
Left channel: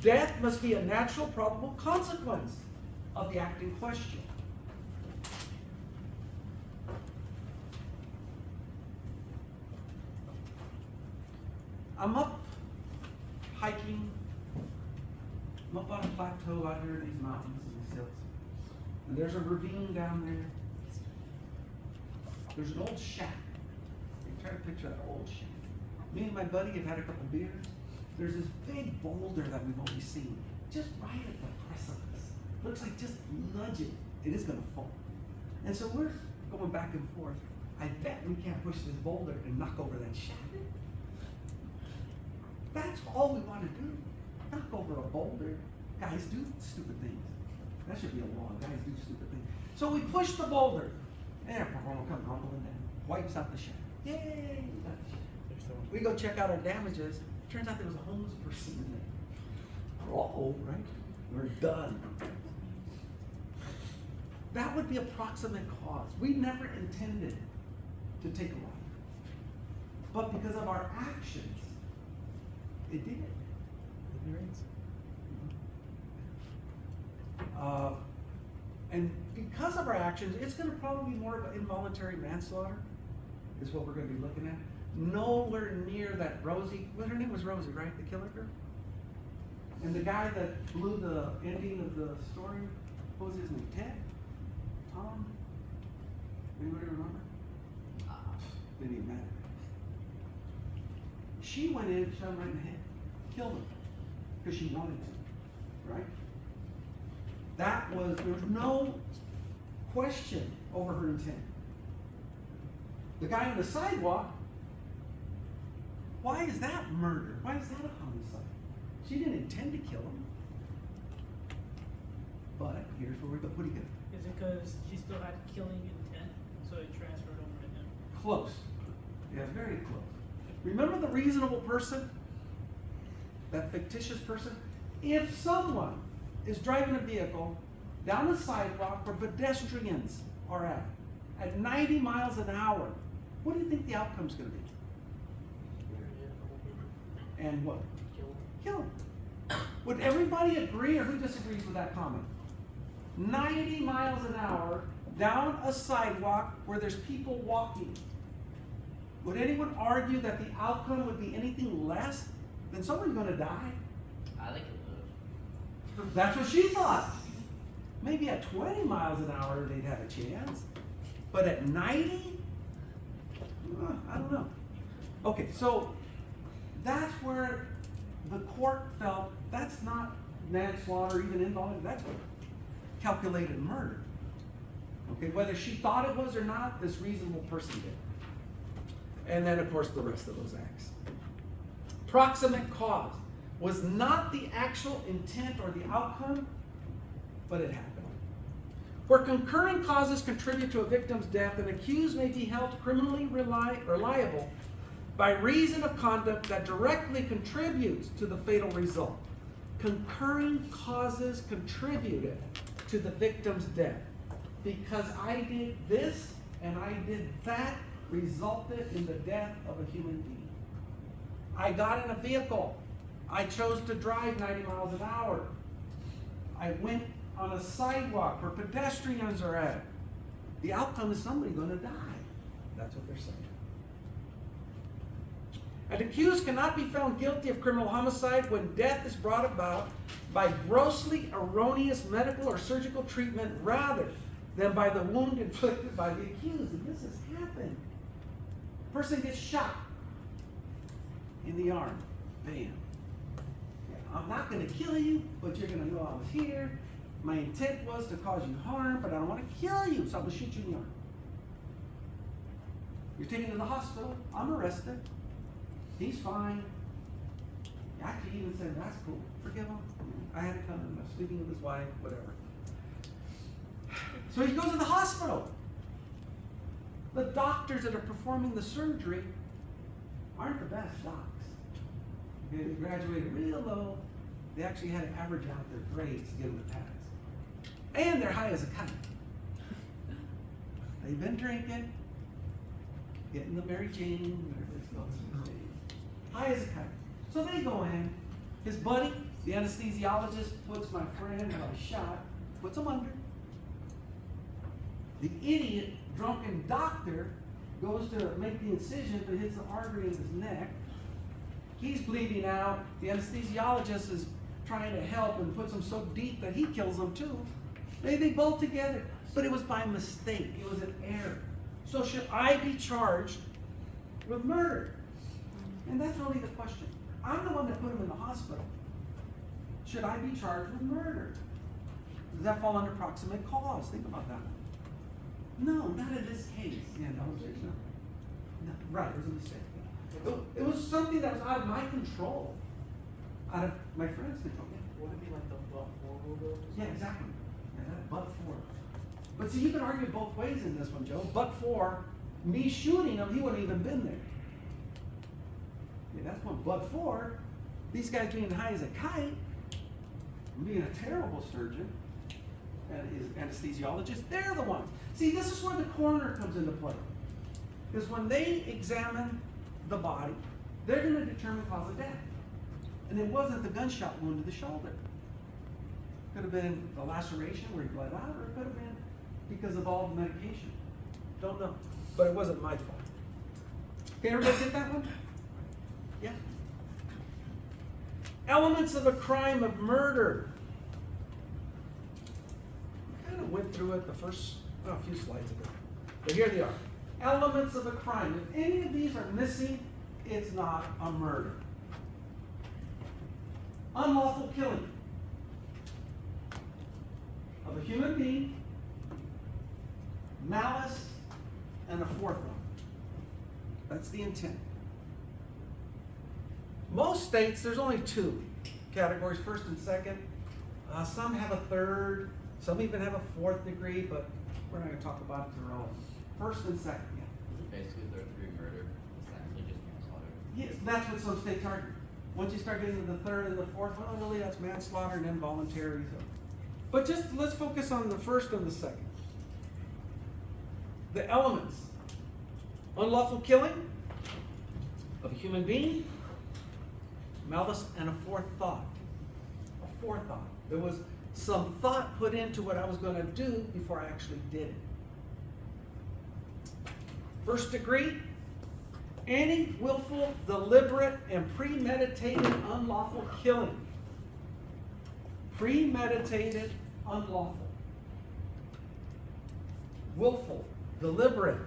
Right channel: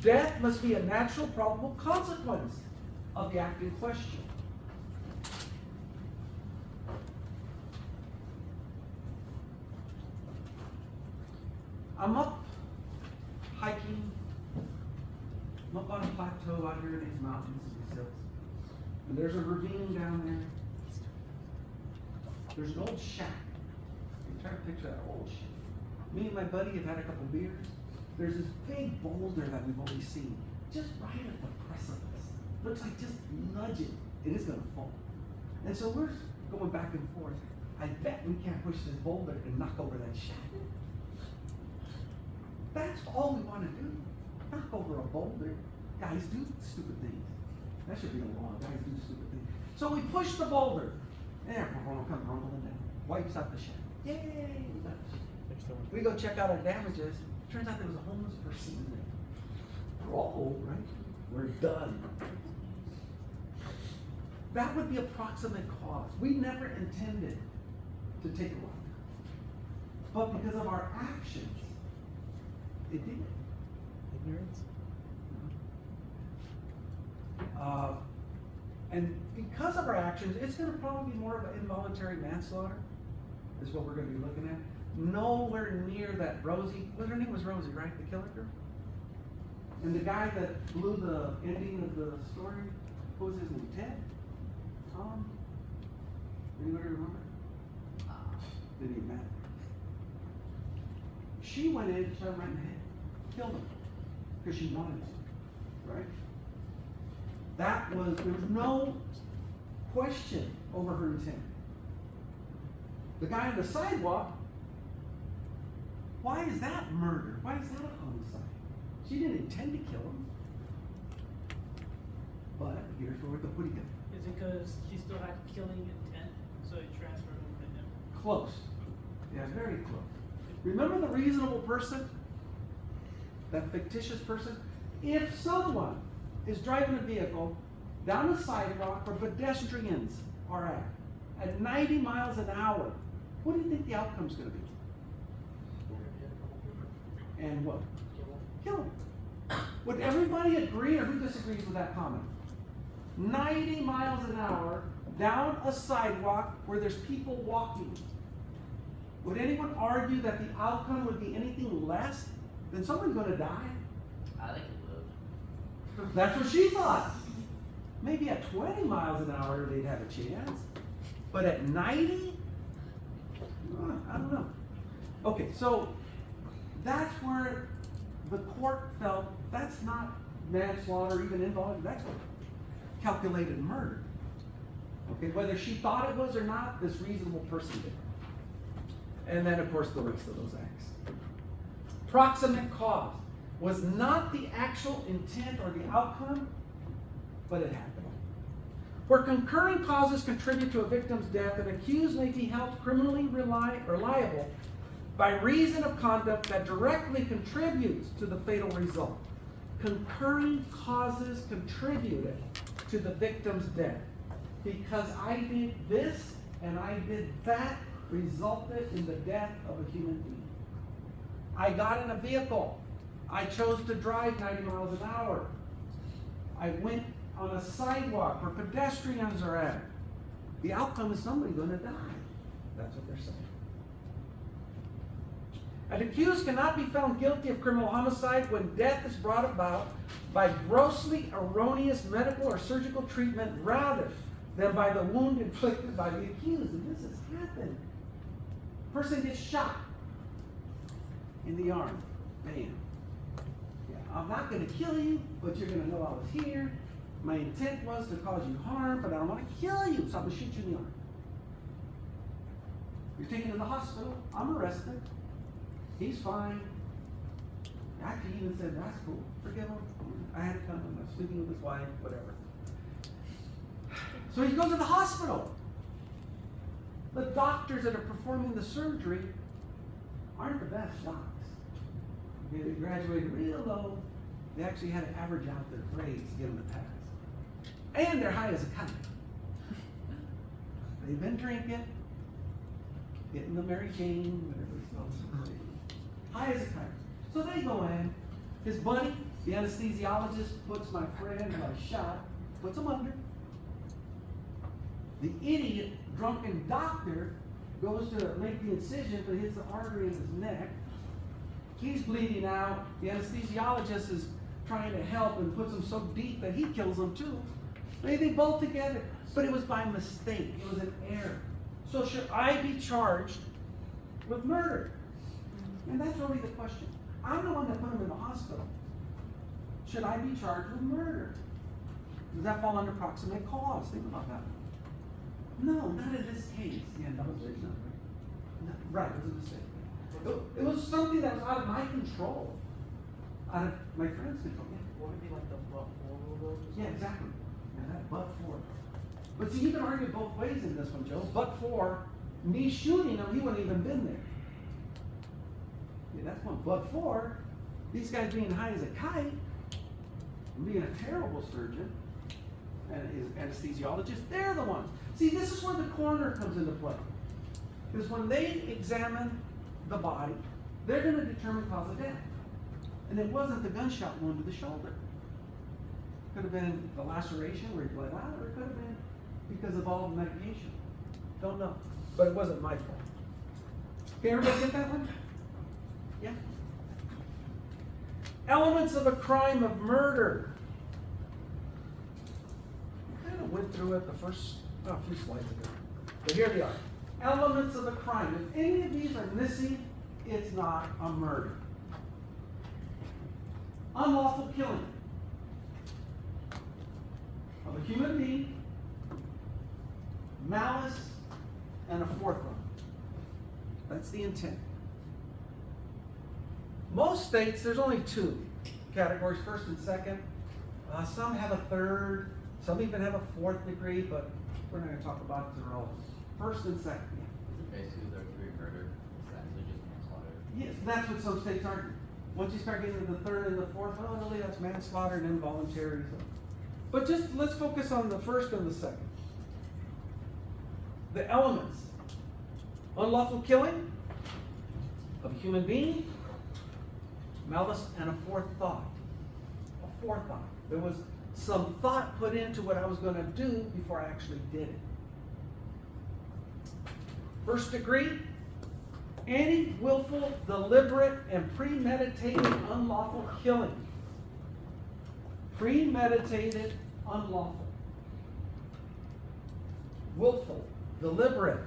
Death must be a natural, probable consequence of the act in question. I'm up hiking. I'm up on a plateau out here in these mountains, as he says. And there's a ravine down there. There's an old shack. You try to picture that old shack. Me and my buddy have had a couple beers. There's this big boulder that we've always seen, just right at the precipice. Looks like just nudge it, it is gonna fall. And so we're going back and forth. I bet we can't push this boulder and knock over that shack. That's all we wanna do, knock over a boulder. Guys do stupid things. That should be a law, guys do stupid things. So we push the boulder. There, we're gonna come rumbling down. Wipes out the shack. Yay, we got the shack. We go check out our damages. Turns out there was a homeless person in there. We're all old, right? We're done. That would be a proximate cause. We never intended to take a life. But because of our actions, it did. Ignorance. And because of our actions, it's gonna probably be more of an involuntary manslaughter, is what we're gonna be looking at. Nowhere near that Rosie, well, her name was Rosie, right? The killer girl? And the guy that blew the ending of the story, what was his name? Ted? Tom? Anybody remember? Didn't even matter. She went in, shot him right in the head, killed him, because she wanted to, right? That was, there was no question over her intent. The guy on the sidewalk, why is that murder? Why is that a homicide? She didn't intend to kill him. But here's where we go. What do you get? Is it because she still had killing intent, so it transferred over to him? Close. Yeah, very close. Remember the reasonable person? That fictitious person? If someone is driving a vehicle down a sidewalk where pedestrians are at 90 miles an hour, what do you think the outcome's gonna be? And what? Kill him. Would everybody agree, or who disagrees with that comment? 90 miles an hour down a sidewalk where there's people walking. Would anyone argue that the outcome would be anything less than somebody's gonna die? I think it would. That's what she thought. Maybe at 20 miles an hour they'd have a chance, but at 90? I don't know. Okay, so that's where the court felt that's not manslaughter, even involuntary, that's a calculated murder. Okay, whether she thought it was or not, this reasonable person did. And then, of course, the rest of those acts. Proximate cause was not the actual intent or the outcome, but it happened. Where concurring causes contribute to a victim's death, an accused may be held criminally liable by reason of conduct that directly contributes to the fatal result. Concurring causes contributed to the victim's death. Because I did this and I did that resulted in the death of a human being. I got in a vehicle. I chose to drive 90 miles an hour. I went on a sidewalk where pedestrians are at. The outcome is somebody gonna die. That's what they're saying. An accused cannot be found guilty of criminal homicide when death is brought about by grossly erroneous medical or surgical treatment rather than by the wound inflicted by the accused. And this has happened. Person gets shot in the arm. Bam. I'm not going to kill you, but you're going to know I was here. My intent was to cause you harm, but I don't want to kill you, so I'm going to shoot you in the arm. You're taken to the hospital. I'm arrested. He's fine. Actually, he even said, that's cool. Forgive him. I had to come. I was speaking with his wife, whatever. So he goes to the hospital. The doctors that are performing the surgery aren't the best docs. They graduated real low. They actually had to average out their grades to get them to pass. And they're high as a kite. They've been drinking. Hitting the Mary Jane, whatever it's called. High as a kite. So they go in. His buddy, the anesthesiologist, puts my friend who I shot, puts him under. The idiot, drunken doctor goes to make the incision, but hits the artery in his neck. He's bleeding out. The anesthesiologist is trying to help and puts him so deep that he kills him too. They both together, but it was by mistake. It was an error. So should I be charged with murder? And that's really the question. I'm the one that put him in the hospital. Should I be charged with murder? Does that fall under proximate cause? Think about that. No, not in this case. Yeah, no, no. Right, it was a mistake. It was something that was out of my control. Out of my friend's control. Yeah. Would it be like the but-for rule? Yeah, exactly. Yeah, that but for. But see, you can argue both ways in this one, Joe. But for me shooting him, he wouldn't even been there. Yeah, that's one. But for these guys being high as a kite, being a terrible surgeon, and his anesthesiologist, they're the ones. See, this is where the coroner comes into play. Because when they examine the body, they're going to determine cause of death. And it wasn't the gunshot wound to the shoulder. Could have been the laceration where he bled out, or it could have been because of all the medication. Don't know. But it wasn't my fault. Okay, everybody get that one? Yeah. Elements of a crime of murder. I kind of went through it the first, a few slides ago. But here they are. Elements of a crime. If any of these are missing, it's not a murder. Unlawful killing of a human being, malice, and a fourth one. That's the intent. Most states, there's only two categories, first and second. Some have a third, some even have a fourth degree, but we're not going to talk about it to all. First and second. Basically, they're three murder. It's actually just manslaughter. Yes, that's what some states argue. Once you start getting to the third and the fourth, well, really that's manslaughter and involuntary. So. But just let's focus on the first and the second. The elements. Unlawful killing of a human being, malice, and a forethought. A forethought. There was some thought put into what I was going to do before I actually did it. First degree, any willful, deliberate, and premeditated unlawful killing. Premeditated, unlawful. Willful, deliberate.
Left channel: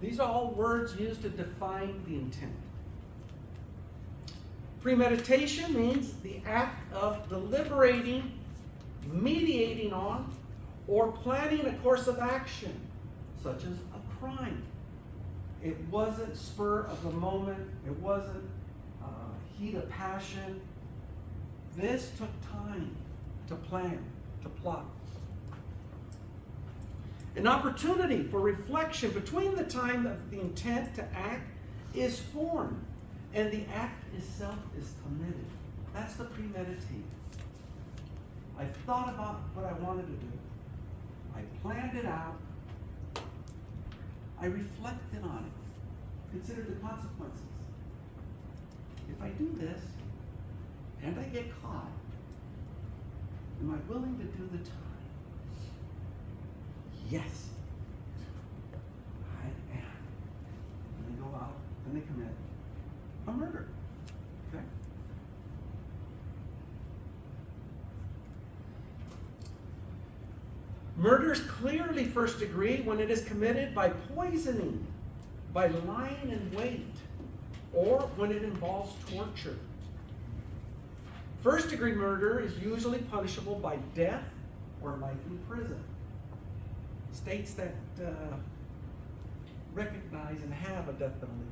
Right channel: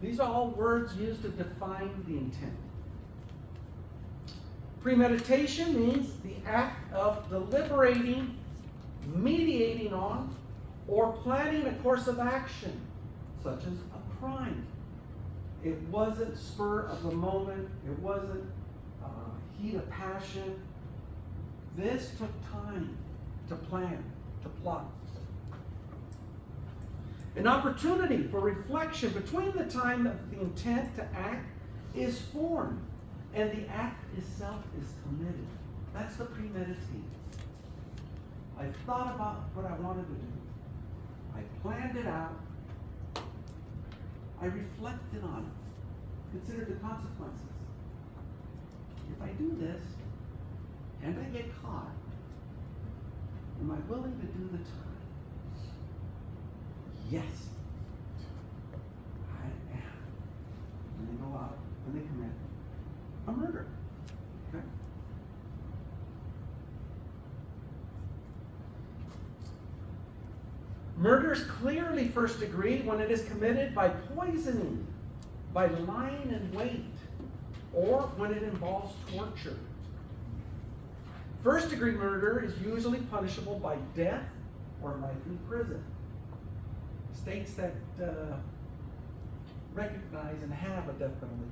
These are all words used to define the intent. Premeditation means the act of deliberating, mediating on, or planning a course of action, such as a crime. It wasn't spur of the moment. It wasn't heat of passion. This took time to plan, to plot. An opportunity for reflection between the time that the intent to act is formed and the act itself is committed. That's the premeditated. I thought about what I wanted to do. I planned it out. I reflected on it. Considered the consequences. If I do this and I get caught, am I willing to do the time? Yes, I am. And they go out and they commit a murder. Okay? Murder is clearly first degree when it is committed by poisoning, by lying in wait, or when it involves torture. First degree murder is usually punishable by death or life in prison. States that recognize and have a death penalty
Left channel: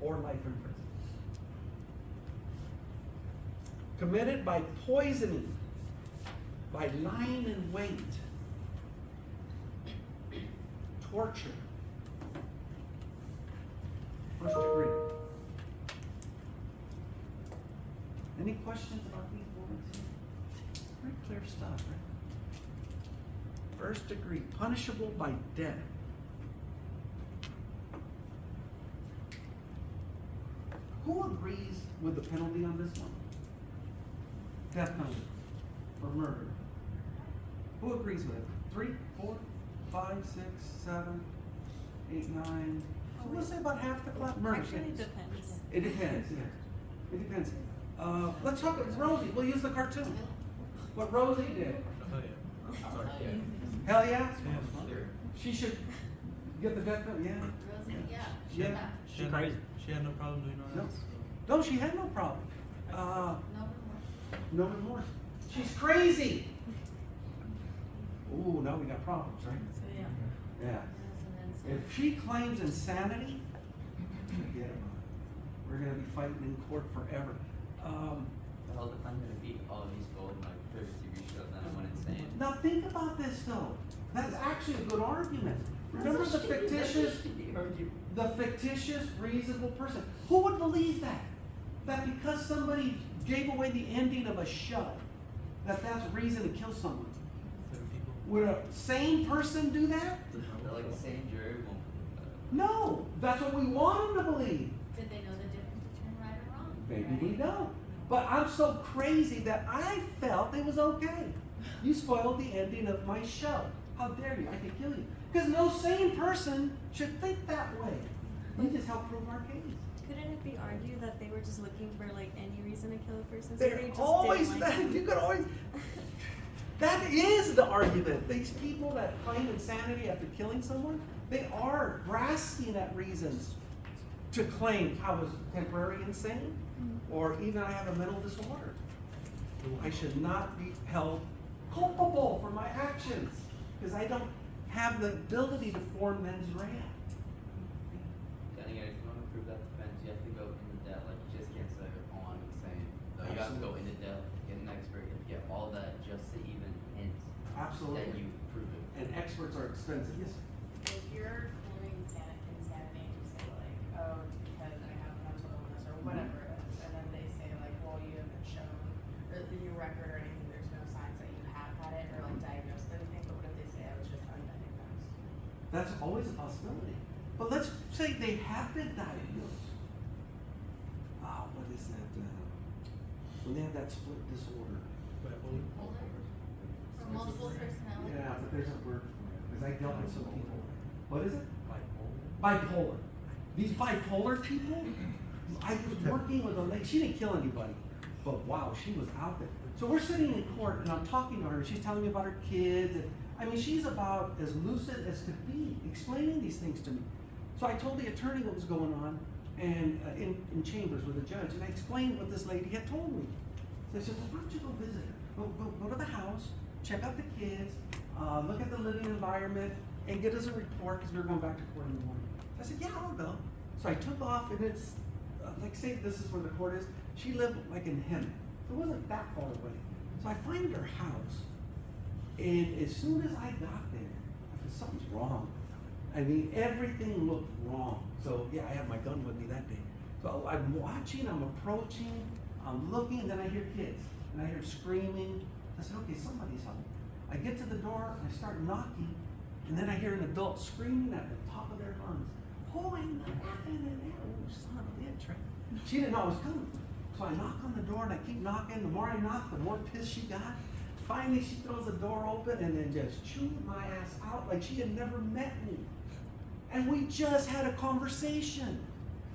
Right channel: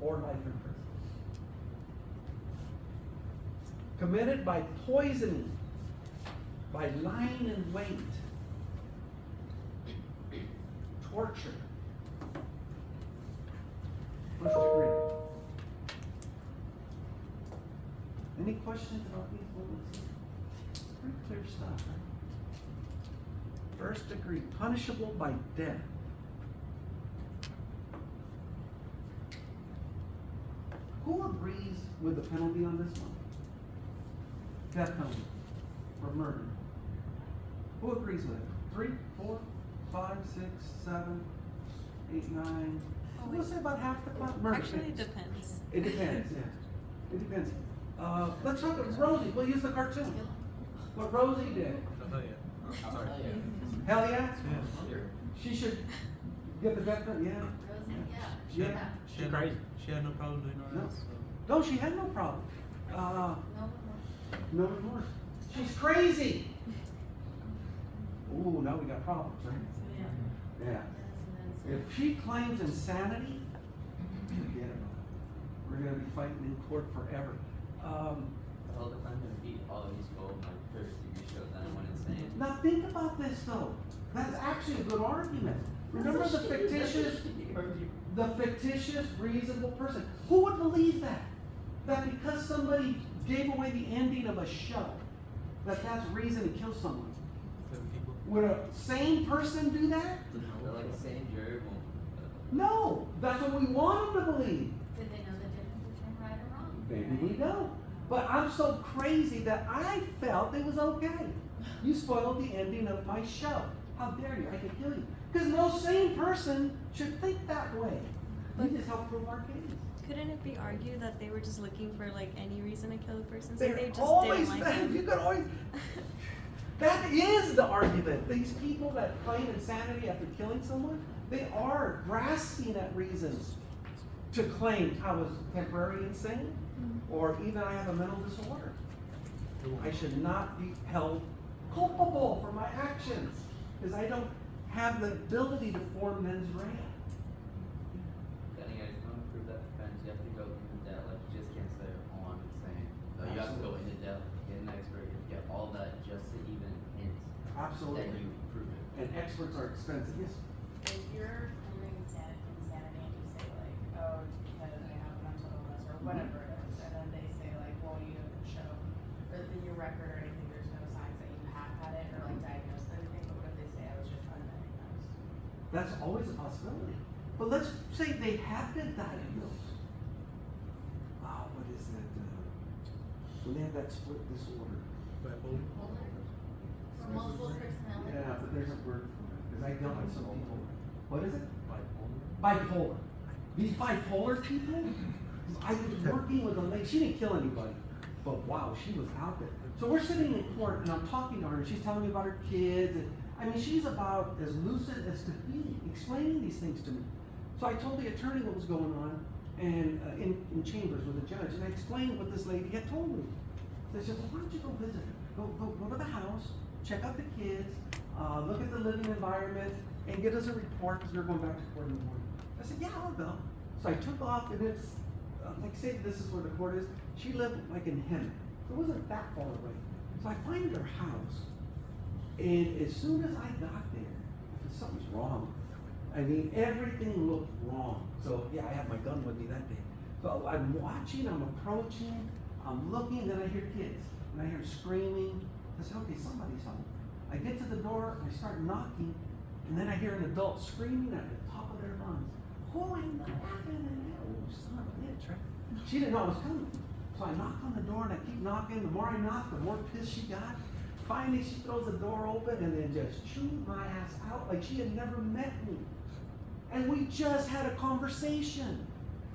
or life in prison. Committed by poisoning, by lying in wait, torture. First degree. Any questions about these bullets here? Pretty clear stuff, right? First degree, punishable by death agrees with the penalty on this one? Death penalty for murder. Who agrees with it? 3, 4, 5, 6, 7, 8, 9. We'll say about half the class. Murder. Actually, it yes. depends. It depends, yeah. It depends. Let's talk about Rosie. We'll use the cartoon. What Rosie did. Oh, yeah. Sorry. Hell yeah? Yes. She should get the death penalty, yeah. Rosie, yeah. Yeah. She had crazy. She had no problem doing all No. that. So. No, she had no problem. No, No remorse. She's crazy. Ooh, now we got problems, right? Yeah. If she claims insanity, forget it. We're gonna be fighting in court forever. Well, if I'm gonna beat all these gold like first degree shows, then I'm insane. Now think about this though. That's actually a good argument. Remember the fictitious reasonable person. Who would believe that? That because somebody gave away the ending of a show, that's reason to kill someone. For the people. Would a sane person do that? Like a sane jury won't. No, that's what we want them to believe. Did they know the difference between right or wrong? Maybe we don't. But I'm so crazy that I felt it was okay. You spoiled the ending of my show. How dare you? I could kill you. Because no sane person should think that way. You just help prove our case. Couldn't it be argued that they were just looking for like any reason to kill a person? So They're they just always didn't like that. them? You could always. That is the argument. These people that claim insanity after killing someone, they are grasping at reasons to claim I was temporarily insane, or even I have a mental disorder. I should not be held culpable for my actions because I don't have the ability to form mens rea. Telling you guys, if you want to prove that defense, you have to go into depth. Like, you just can't say, oh, I'm insane. Like, you have to go into depth, get an expert, get all that just to even hint that Absolutely. you prove it. And experts are expensive. Yes. If you're claiming insanity and you say like, oh, because I have mental illness or whatever it is, and then they say like, well, you haven't shown, or your record or anything, there's no signs that you have had it or like diagnosed anything, but what if they say I was just undiagnosed? That's always a possibility. But let's say they have been diagnosed. What is that? When they have that split disorder. Bipolar. For multiple personality. Yeah, but there's a word for it. Because I dealt with some people. What is it? Bipolar. These bipolar people, I was working with a lady, she didn't kill anybody, but wow, she was out there. So we're sitting in court and I'm talking to her and she's telling me about her kids and I mean, she's about as lucid as could be, explaining these things to me. So I told the attorney what was going on and in chambers with the judge and I explained what this lady had told me. So I said, well, why don't you go visit her? Go to the house, check out the kids, look at the living environment and get us a report because we were going back to court in the morning. I said, yeah, I'll go. So I took off and it's, like say this is where the court is. She lived like in Hemet. It wasn't that far away. So I find her house. And as soon as I got there, I said, something's wrong. I mean, everything looked wrong. So yeah, I have my gun with me that day. So I'm watching, I'm approaching, I'm looking, then I hear kids. And I hear screaming. I said, okay, somebody's home. I get to the door, I start knocking, and then I hear an adult screaming at the top of their lungs. Who in the effing and oh, son of a bitch, right? She didn't know I was coming. So I knock on the door and I keep knocking. The more I knock, the more pissed she got. Finally, she throws the door open and then just chewed my ass out like she had never met me. And we just had a conversation.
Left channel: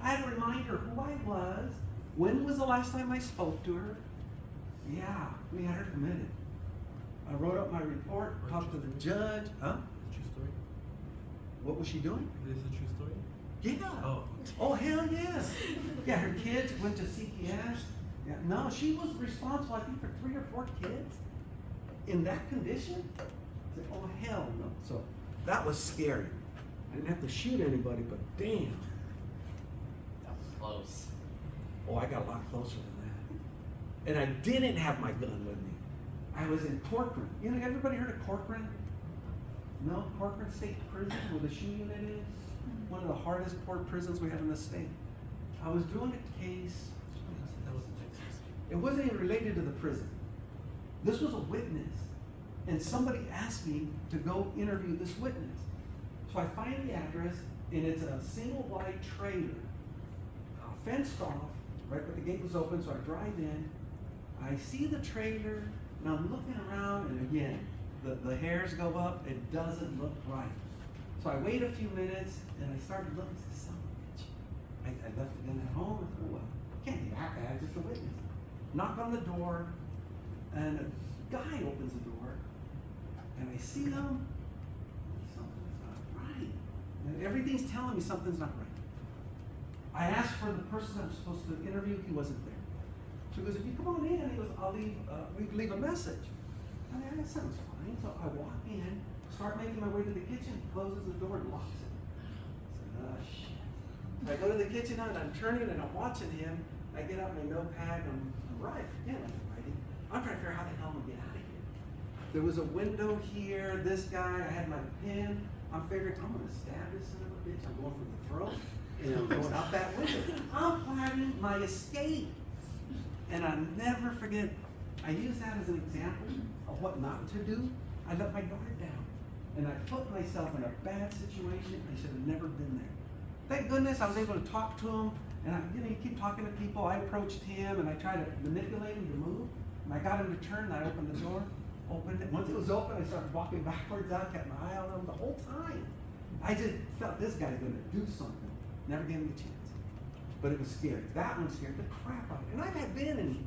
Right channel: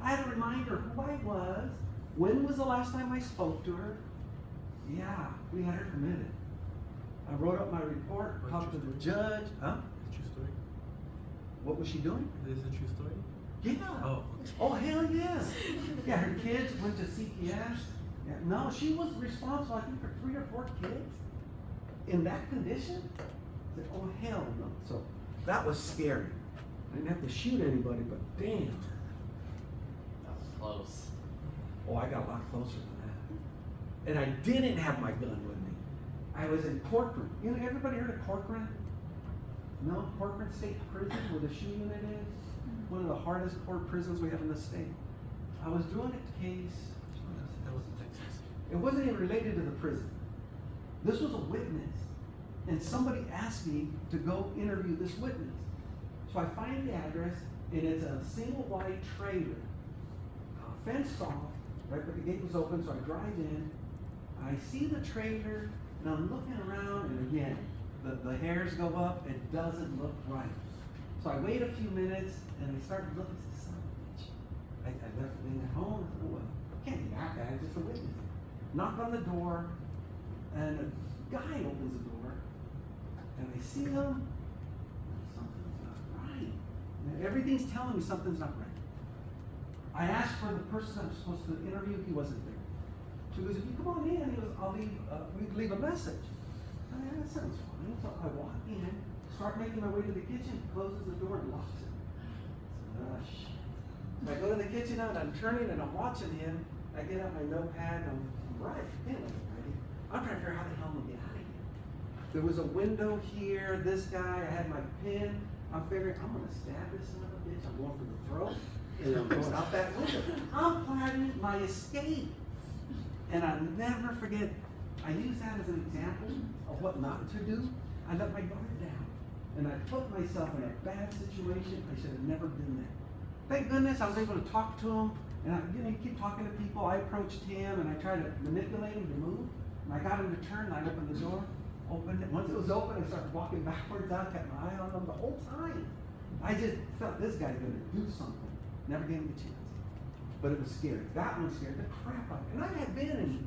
I had to remind her who I was. When was the last time I spoke to her? Yeah, we had her committed. I wrote up my report, talked to the judge. Huh? True story. What was she doing? This is a true story. Yeah. Oh. Oh, hell yes. Yeah, her kids went to CPS. Yeah, no, she was responsible, I think, for 3 or 4 kids in that condition. I said, oh, hell no. So that was scary. I didn't have to shoot anybody, but damn. That was close. Oh, I got a lot closer than that. And I didn't have my gun with me. I was in Corcoran. You know, everybody heard of Corcoran? No, Corcoran State Prison where the shoe unit is. One of the hardest poor prisons we have in the state. I was doing a case. That was in Texas. It wasn't even related to the prison. This was a witness. And somebody asked me to go interview this witness. So I find the address, and it's a single wide trailer, fenced off, right, but the gate was open, so I drive in, I see the trailer, and I'm looking around, and again, the hairs go up, it doesn't look right. So I wait a few minutes, and I start looking, son of a bitch. I left it in at home, well, can't be that bad, just a witness. Knock on the door, and a guy opens the door, and I see him, something's not right. And everything's telling me something's not right. I asked for the person I was supposed to interview, he wasn't there. So he goes, if you come on in, he goes, we can leave a message. I mean, that sounds fine. So I walk in, start making my way to the kitchen, closes the door and locks it. I said, oh shit. So I go to the kitchen and I'm turning and I'm watching him. I get out my notepad and I'm right. I'm trying to figure out how the hell I'm gonna get out of here. There was a window here, this guy, I had my pen. I'm figuring, I'm gonna stab this son of a bitch. I'm going for the throat. And I'm going out that window. I'm planning my escape. And I never forget, I use that as an example of what not to do. I let my guard down. And I put myself in a bad situation. I should have never been there. Thank goodness I was able to talk to him. And he keep talking to people. I approached him and I tried to manipulate him to move. And I got him to turn and I opened the door. Opened it. Once it was open, I started walking backwards. I kept my eye on him the whole time. I just felt this guy's gonna do something. Never gave him a chance. But it was scary. That one scared the crap out of me. And I've been in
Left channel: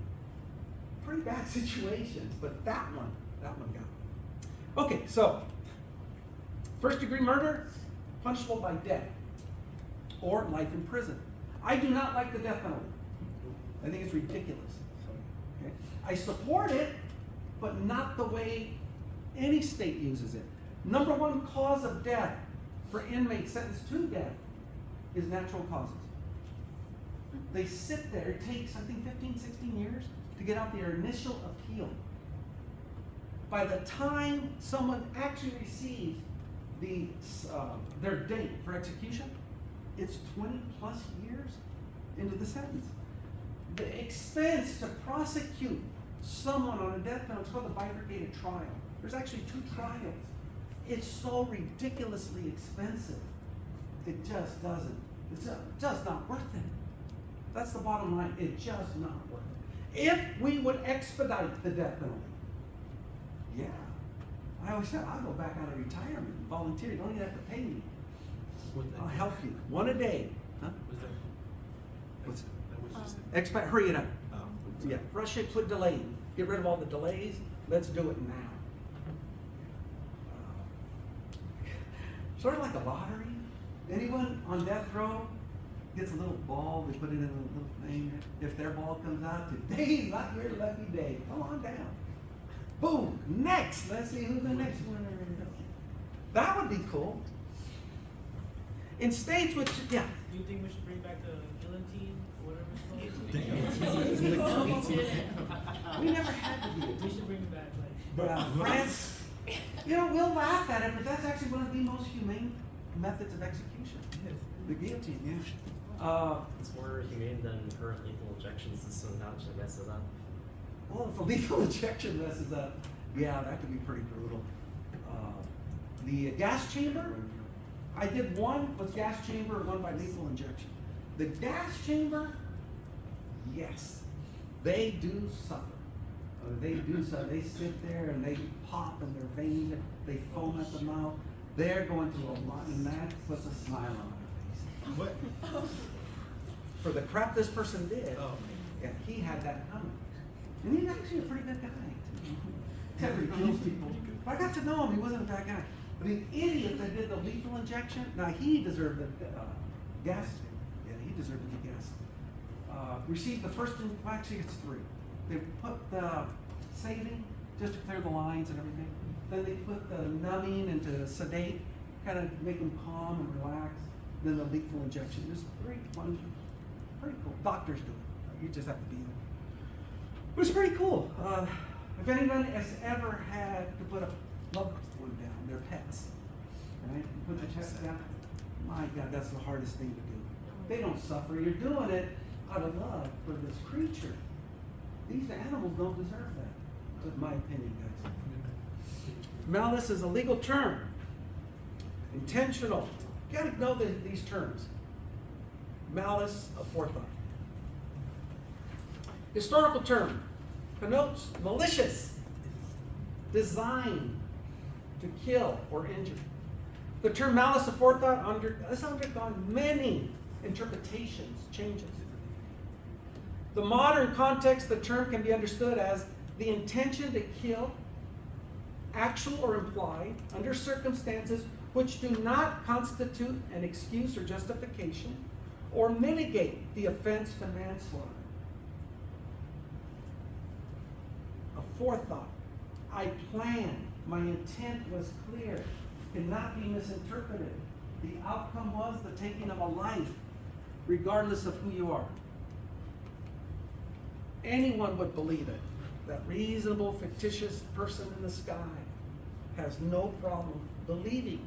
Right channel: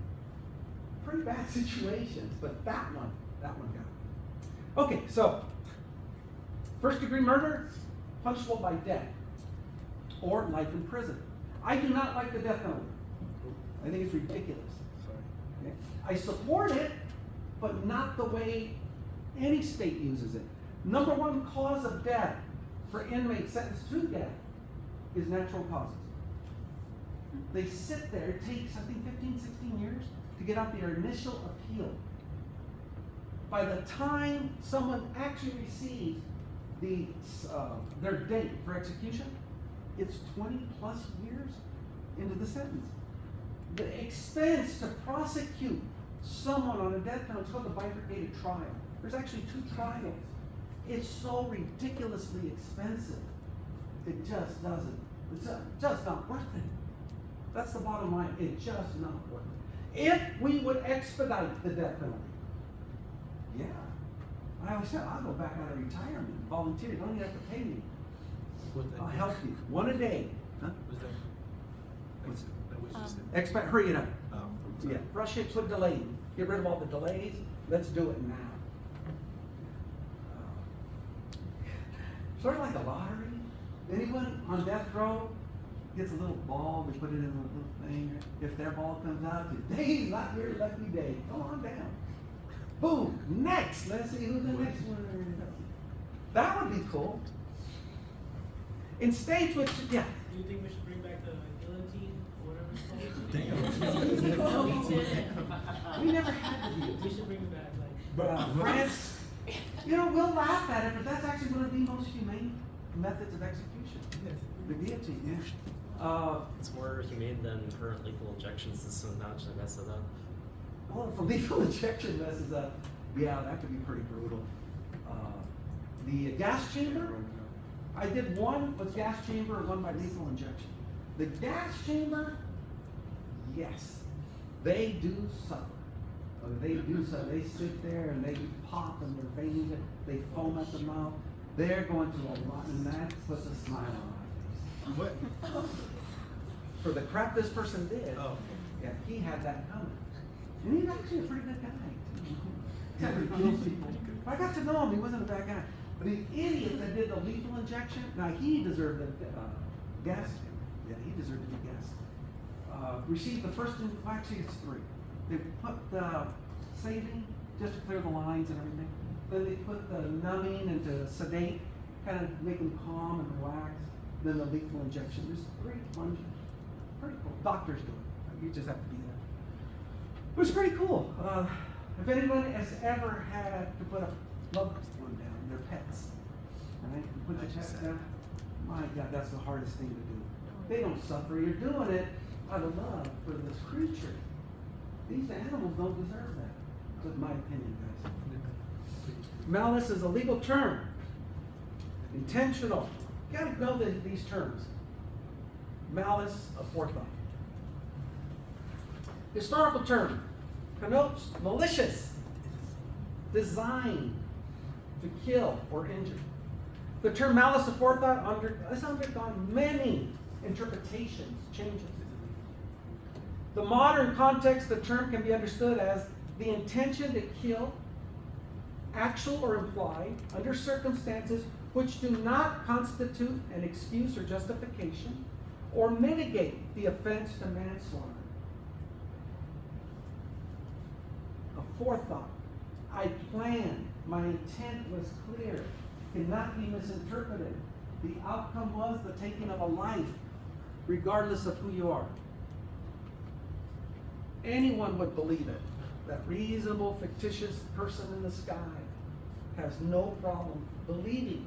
pretty bad situations, but that one got me. Okay, so first degree murder, punishable by death or life in prison. I do not like the death penalty. I think it's ridiculous. Okay? I support it, but not the way any state uses it. Number one cause of death for inmates sentenced to death is natural causes. They sit there, it takes, I think, 15, 16 years to get out their initial appeal. By the time someone actually receives their date for execution, it's 20 plus years into the sentence. The expense to prosecute someone on a death penalty is called a bifurcated trial. There's actually 2 trials. It's so ridiculously expensive. It just doesn't. It's just not worth it. That's the bottom line. It's just not worth it. If we would expedite the death penalty, yeah. I always said, I'll go back out of retirement, volunteer. You don't even have to pay me. I'll help you. One a day. Huh? Was that? Expect, hurry it up. Sorry. Yeah, rush it, put delay. Get rid of all the delays. Let's do it now. Sort of like a lottery. Anyone on death row gets a little ball, they put it in a little thing. If their ball comes out, today's not your lucky day. Go on down. Boom, next. Let's see who the next one is. That would be cool. In states with, yeah. Do you think we should bring back the guillotine or whatever it's called? We never had to be. We should bring it back, like. France, we'll laugh at it, but that's actually one of the most humane methods of execution. The guillotine, yeah. It's more humane than current lethal injection system now, I guess, so that. Well, if a lethal injection messes up, yeah, that could be pretty brutal. The gas chamber, I did one with gas chamber, one by lethal injection. The gas chamber, yes, they do suffer. They do so. They sit there and they pop in their veins. They foam at the mouth. They're going through a lot, and that puts a smile on my face. What? For the crap this person did, Oh. yeah, he had that coming. And he's actually a pretty good guy. I got to know him. He wasn't a bad guy. But the idiot that did the lethal injection, now he deserved the gas. Yeah, he deserved the gas. Received the first, actually it's 3. They put the saline just to clear the lines and everything. Then they put the numbing and to sedate, kind of make them calm and relax. Then the lethal injection. There's 3 ones. Pretty cool. Doctors do it. You just have to be there. It was pretty cool. If anyone has ever had to put a loved one down, their pets, right? You put the pets down. My God, that's the hardest thing to do. They don't suffer. You're doing it out of love for this creature. These animals don't deserve that. That's my opinion, guys. Malice is a legal term. Intentional. You gotta know these terms. Malice aforethought. Historical term connotes malicious design to kill or injure. The term malice aforethought has undergone many interpretations, changes. The modern context, the term can be understood as the intention to kill, actual or implied, under circumstances which do not constitute an excuse or justification or mitigate the offense to manslaughter. A forethought. I planned. My intent was clear. Cannot be misinterpreted. The outcome was the taking of a life, regardless of who you are. Anyone would believe it. That reasonable, fictitious person in the sky has no problem believing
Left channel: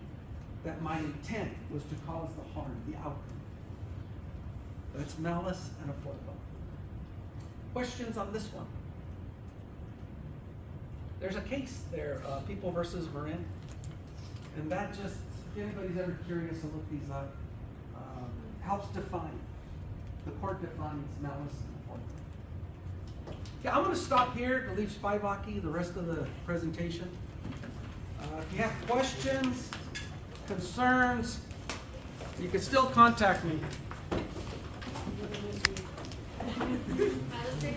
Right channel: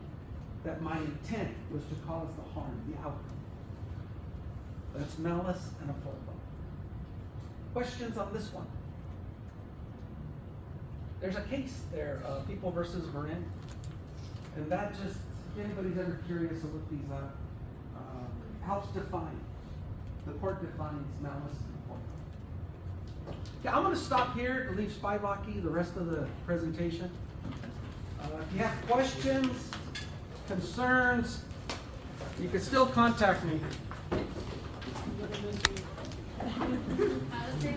that my intent was to cause the harm, the outcome. That's malice and a forethought. Questions on this one? There's a case there, People versus Marin. And that just, if anybody's ever curious to look these up, helps define. The court defines malice and forethought. Yeah, I'm going to stop here to leave Spivaki the rest of the presentation. If you have questions, concerns, you can still contact me.